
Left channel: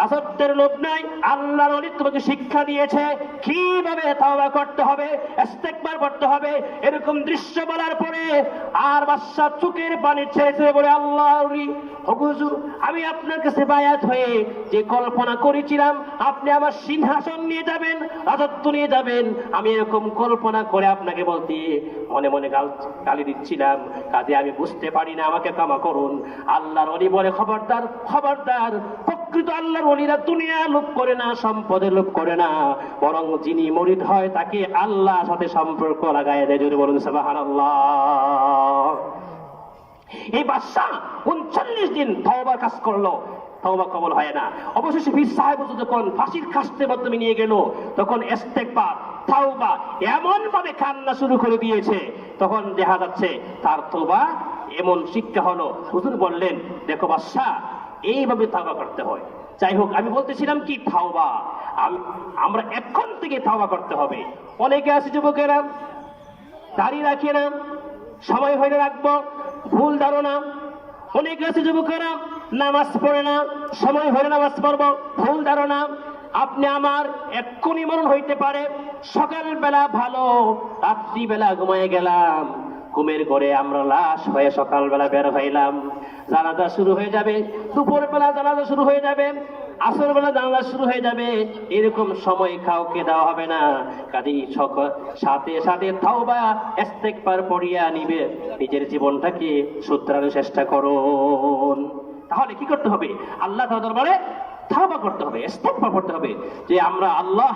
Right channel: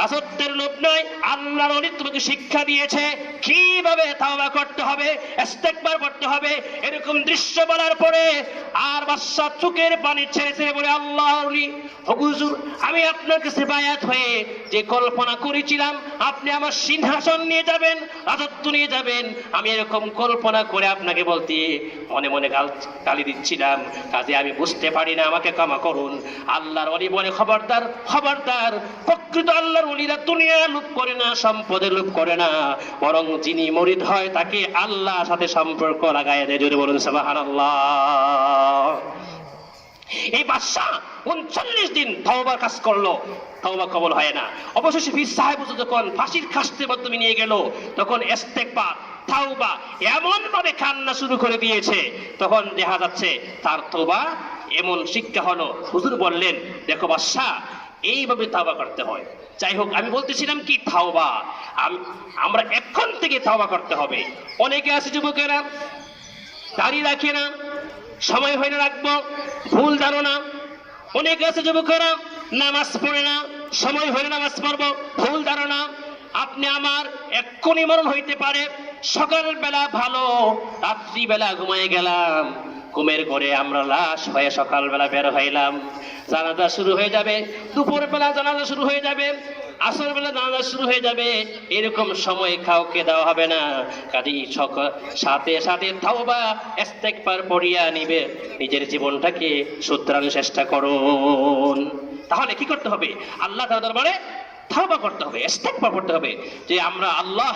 রাজত্বের লোভ নয়, আল্লাহর ওলি তোমাকে শিক্ষা দিয়েছে কিভাবে তাওবা করতে হবে, ইস্তেগফার করতে হবে। এরকম দৃশ্য বলার পরে আর বাদশা চোখের পানি ছেড়েছে, বলে আল্লাহর ওলি হুজুর আমি আপনার কাছে বায়াত হয়ে যে কল্পনা করেছিলাম আপনি আমার সিংহাসন নিয়ে যাবেন, রাজত্ব নিয়ে যাবেন, আমি এরকম কল্পনা করে আপনাকে বলতে মনে মনে গালি দিচ্ছিলাম, কাজে আমি বুঝতে পারি না, আমাকে ক্ষমা করুন। আল্লাহর ওলি বলে, খবরদার খবরদার, প্রকৃত আল্লাহর ওলিরা দুনিয়া লোভ করে না, সম্পদে লোভ করে না, বরং যিনি মুরিদ হয় তাকে আল্লাহর সাথে সম্পর্ক লাগায় দেয়। যদি বলুন সুবহানাল্লাহ। এই বাদশাহ 39 দিন তাওবার কাজ করলো, তাওবা কবুল হয় না। অবশেষে পীর সাহেব যখন ফাঁসির কাস্টের মাধ্যমে নিয়ে গেল, তখন ইস্তেগফার তাওবা এমন ভাবে কান্না শুরু করে দিয়েছে, তখন দেখা যাচ্ছে তার তওবা এমন শিক্ষা হলো। হুজুর বললেন, দেখো বাদশাহ এইভাবে তাওবা করতে হয়। যাই হোক, আমি বলতেছিলাম কি তাওবা আমরা এখন থেকে তাওবা করতে হবে। অনেকে আছে যুবকেরা দাড়ি রাখে না, সময় হয়ে রাখবো, ভুল ধারণা। অনেকে আছে যুবকেরা নামাজ পড়ে না, সময় হলে নামাজ পড়বো, ভুল ধারণা। আপনি আমার এক্ষুনি মরণ হইতে পারে, সকালবেলা ভালো, রাত্রিবেলা ঘুমায় গেলাম, ঘুমের ঘরে আমরা লাশ হয়ে সকালবেলা বের হইলাম, জানাজা শুরু হয়ে যাবে, দুপুরবেলা জানাজা শুরু হয়ে যাবে, আসর বেলা জানাজা শুরু হয়ে যাবে। এরকম সময় কাউকে দেওয়া হবে না। কাজেই সাথে সাথে তাওবা ইস্তেগফার পড়িয়া নিবে, নিজের জীবনটাকে শুধরানোর চেষ্টা করুন। তাহলে কি করতে হবে? আল্লাহ তাআলার দরবারে তাওবা করতে হবে, ইস্তেগফার করতে হবে যে আমরা আল্লাহ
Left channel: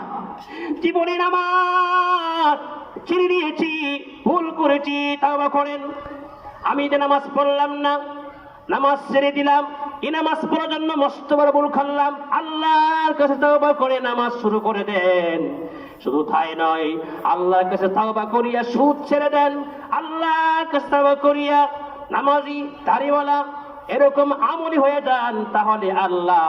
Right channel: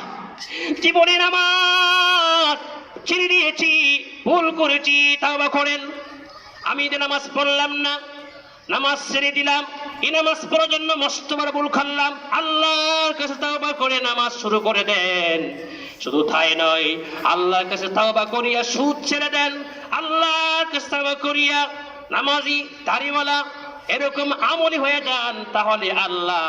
জীবনে নামাজ ছেড়ে দিয়েছি, ভুল করেছি, তাওবা করেন। আমি যে নামাজ পড়লাম না, নামাজ ছেড়ে দিলাম, এই নামাজ পড়ার জন্য মস্ত বড় ভুল করলাম, আল্লাহর কাছে তাওবা করে নামাজ শুরু করে দেন। শুধু তাই নয়, আল্লাহর কাছে তাওবা করিয়া সুদ ছেড়ে দেন, আল্লাহর কাছে তাওবা করিয়া নামাজি দাড়িওয়ালা এরকম আমলি হয়ে যান। তাহলে আল্লাহ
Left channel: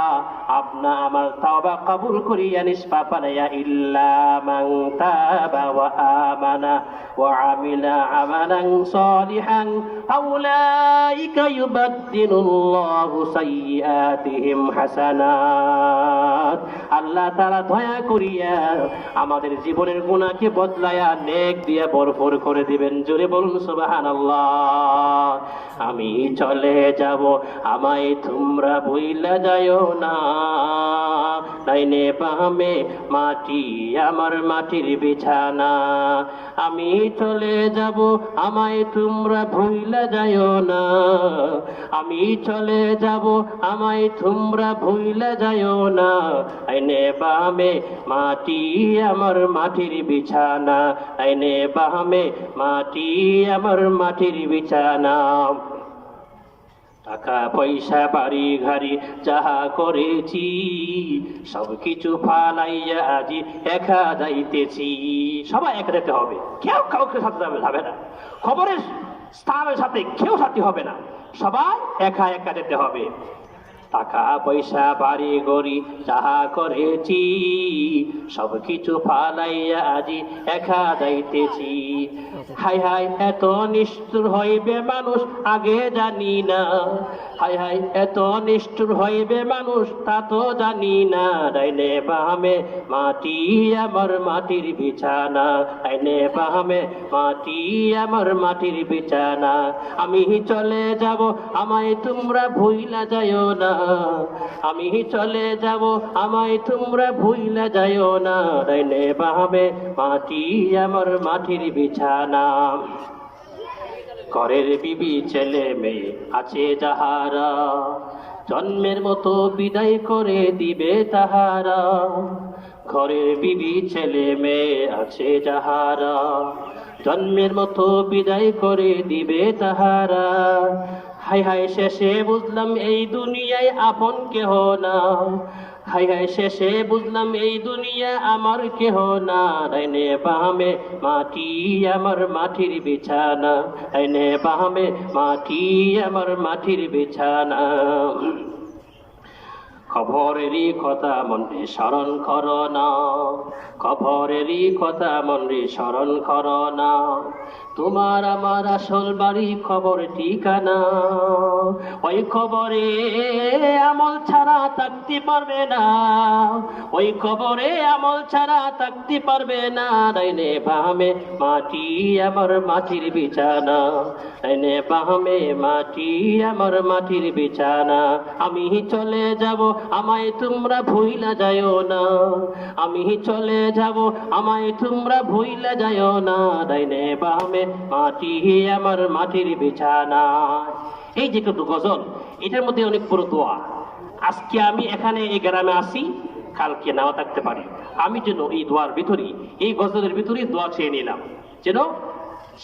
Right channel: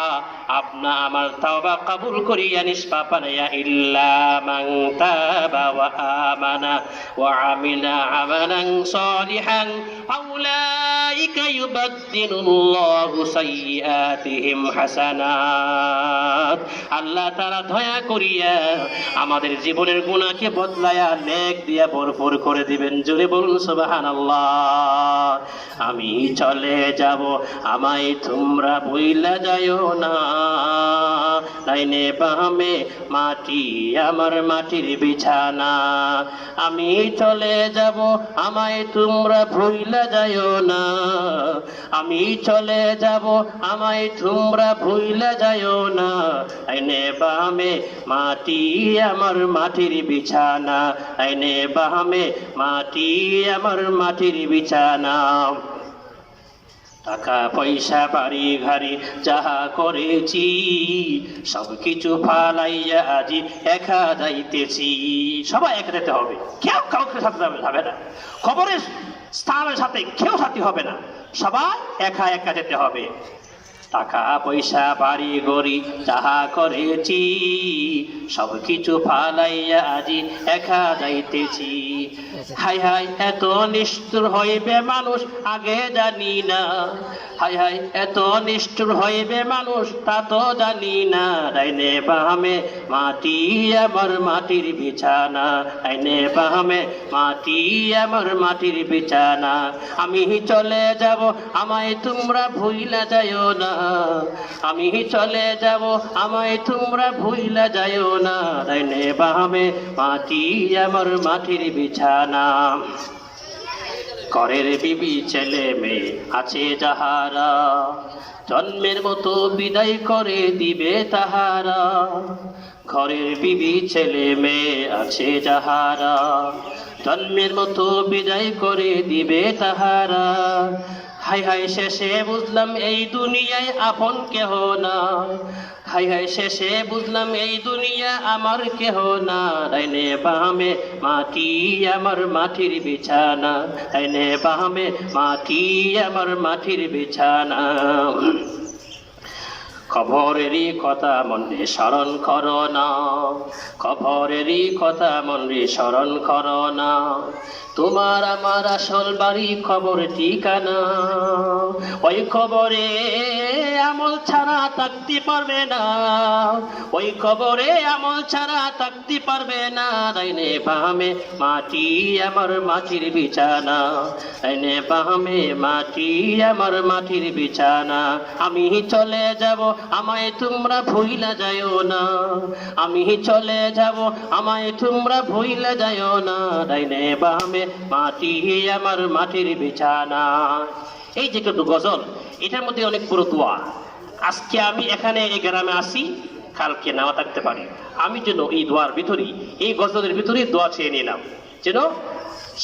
আপনা আমার তাওবা কবুল করিয়া নিষ্পাপ বানাইয়া, ইল্লা মান তাবা ওয়া আমানা ওয়া আমিলা আমালান সালিহান ফাউলাইকা ইউবাদদিলুল্লাহু সাইয়্যাতিহিম হাসানাত। আল্লাহ তাআলা দয়া করিয়া আমাদের জীবনের গুনাহকে বদলায়া নেক দিয়া ভরপুর করে দিবেন। জোরে বলুন সুবহানাল্লাহ। আমি চলে যাব, আমায় তোমরা ভুইলা যাইও না, ডাইনে বামে মাটি আমার মাটির বিছানা। আমি চলে যাব আমায় তোমরা ভুইলা যাইও না, আমি চলে যাব আমায় তোমরা ভুইলা যাইও না। ডাইনে বামে মাটি আমার মাটির বিছানা, ডাইনে বামে মাটি আমার মাটির বিছানা। টাকা পয়সা বাড়ি গাড়ি যাহা করেছি সব কিছু ফালাইয়া আজি একা যাইতেছি। সবাই একা যেতে হবে, কেউ কাউকে সাথে যাবে না, খবরের স্থানের সাথে কেউ সাথী হবে না, সবাই একা একা যেতে হবে। টাকা পয়সা বাড়ি গড়ি যাহা করেছি সব কিছু ফালাইয়া আজি একা যাইতেছি। হাই হাই এত নিষ্ঠুর হইবে মানুষ আগে জানি না, হাই হাই এত নিষ্ঠুর হইবে মানুষ তা তো জানি না। ডাইনে বামে মাটি আমার মাটির বিছানা, ডাইনে বামে মাটি আমার মাটির বিছানা। আমি চলে যাব আমায় তোমরা ভুইলা যাইও না, আমি চলে যাব আমায় তোমরা ভুইলা যাইও না। ডাইনে বামে মাটি আমার মাটির বিছানা। ঘরের বিবি ছেলে মেয়ে আছে যাহারা জন্মের মতো বিদায় করে দিবে তাহারা। ঘরের বিবি ছেলে মেয়ে আছে যাহারা জন্মের মতো বিদায় করে দিবে তাহারা। হাই হাই শেষে বুঝলাম এই দুনিয়ায় আপন কেহ না, হাই হাই শেষে বুঝলাম এই দুনিয়া আমার কেহ না। ডাইনে বামে মাটি আমার মাটির বিছানা, ডাইনে বামে মাটি আমার মাটির বিছানা। খবরেরই কথা মনে স্মরণ করো না, খবরেরই কথা মনে স্মরণ করো না। তোমার আমার আসল বাড়ি খবর ঠিকানা, ওই খবরে আমল ছাড়া থাকতে পারবে না, ওই খবরে আমল ছাড়া থাকতে পারবে না। ডাইনে বামে মাটি আমার মাটির বিছানা, ডাইনে বামে মাটি আমার মাটির বিছানা। আমি চলে যাব আমায় তোমরা ভুইলা যাইও না, আমি চলে যাব আমায় তোমরা ভুইলা যাইও না। ডাইনে বামে মাটি আমার মাটির বিছানা। এই যে কিন্তু গজল, এটার মধ্যে অনেক বড় দোয়া। আজকে আমি এখানে এই গ্রামে আসি, কালকে নাও থাকতে পারি। আমি যেন এই দোয়ার ভিতরে, এই গজলের ভিতরে দোয়া চেয়ে নিলাম, যেন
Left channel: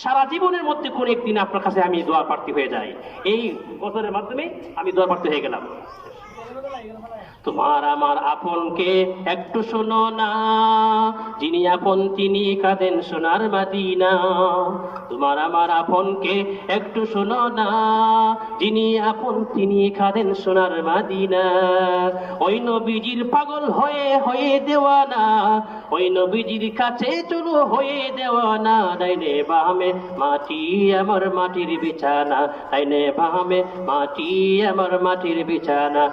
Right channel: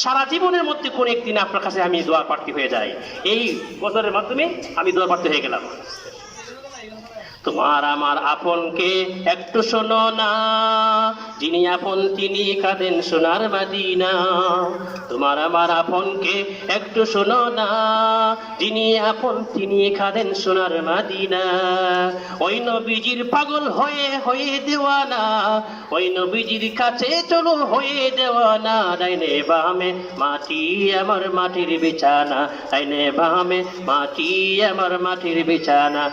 সারা জীবনের মধ্যে কোন একদিন আপনার কাছে আমি দোয়া প্রার্থী হয়ে যাই। এই গজলের মাধ্যমে আমি দোয়া প্রার্থী হয়ে গেলাম। তোমার আমার আপনকে একটু শোনো না, যিনি আপন তিনি কাঁদেন সোনার মদিনা। তোমার আমার আপনকে একটু শোনো না, যিনি আপন তিনি কাঁদেন সোনার মদিনা। ওই নবীজির পাগল হয়ে হয়ে দেওয়ানা, ওই নবীজির কাছে চলো হয়ে দেওয়ানা। ডাইনে বামে মাটি আমার মাটির বিছানা, ডাইনে বামে মাটি আমার মাটির বিছানা।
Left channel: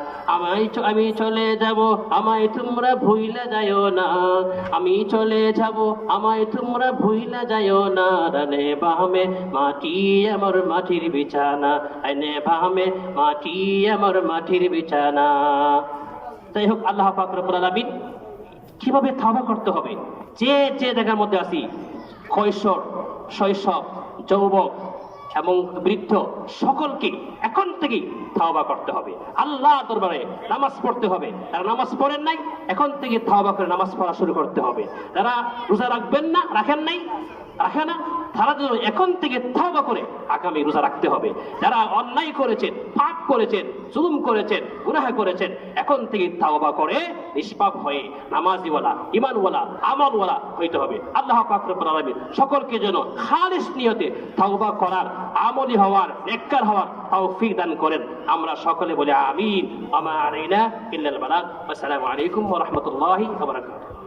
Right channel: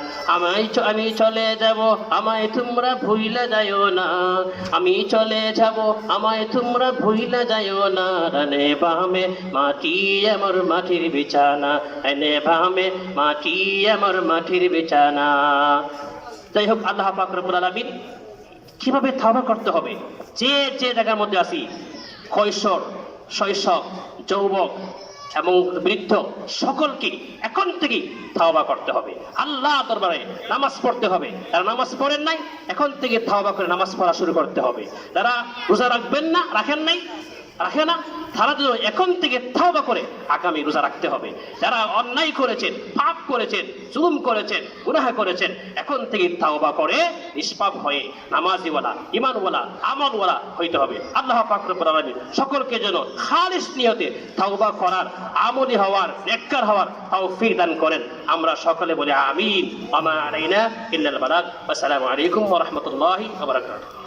আমি চলে যাব আমায় তোমরা ভুইলা যাইও না, আমি চলে যাব আমায় তোমরা ভুইলা যাইও না। ডাইনে বামে মাটি আমার মাটির বিছানা, ডাইনে বামে মাটি আমার মাটির বিছানা। যাই হোক, আল্লাহ পাক রব্বুল আলামিন কিভাবে তওবা করতে হবে, যে যে জায়গার মধ্যে আছি, কৈশোর, শৈশব, যৌবক এবং বৃদ্ধ, সকলকে এখন থেকেই তওবা করতে হবে। আল্লাহ দরবারে নামাজ পড়তে হবে। যারা নামাজ পড়েন নাই, এখন থেকে তওবা করে নামাজ পড়া শুরু করতে হবে। যারা রোজা রাখবেন না, রাখে না, তারা যেন এখন থেকে তওবা করে আগামী রোজা রাখতে হবে। যারা অন্যায় করেছেন, পাপ করেছেন, জুলুম করেছেন, গুনাহ করেছেন, এখন থেকে তওবা করে নিষ্পাপ হয়ে নামাজিওয়ালা, ঈমানওয়ালা, আমলওয়ালা হইতে হবে। আল্লাহ পাক রব্বুল আলামিন সকলকে যেন খালিস নিয়তে তওবা করার, আমলি হওয়ার, নেককার হওয়ার তৌফিক দান করেন। আমরা সকলে বলি আমিন। ওয়া মা আলাইনা ইল্লাল বালাগ। আসসালামু আলাইকুম ওয়া রাহমাতুল্লাহি ওয়া বারাকাতুহু।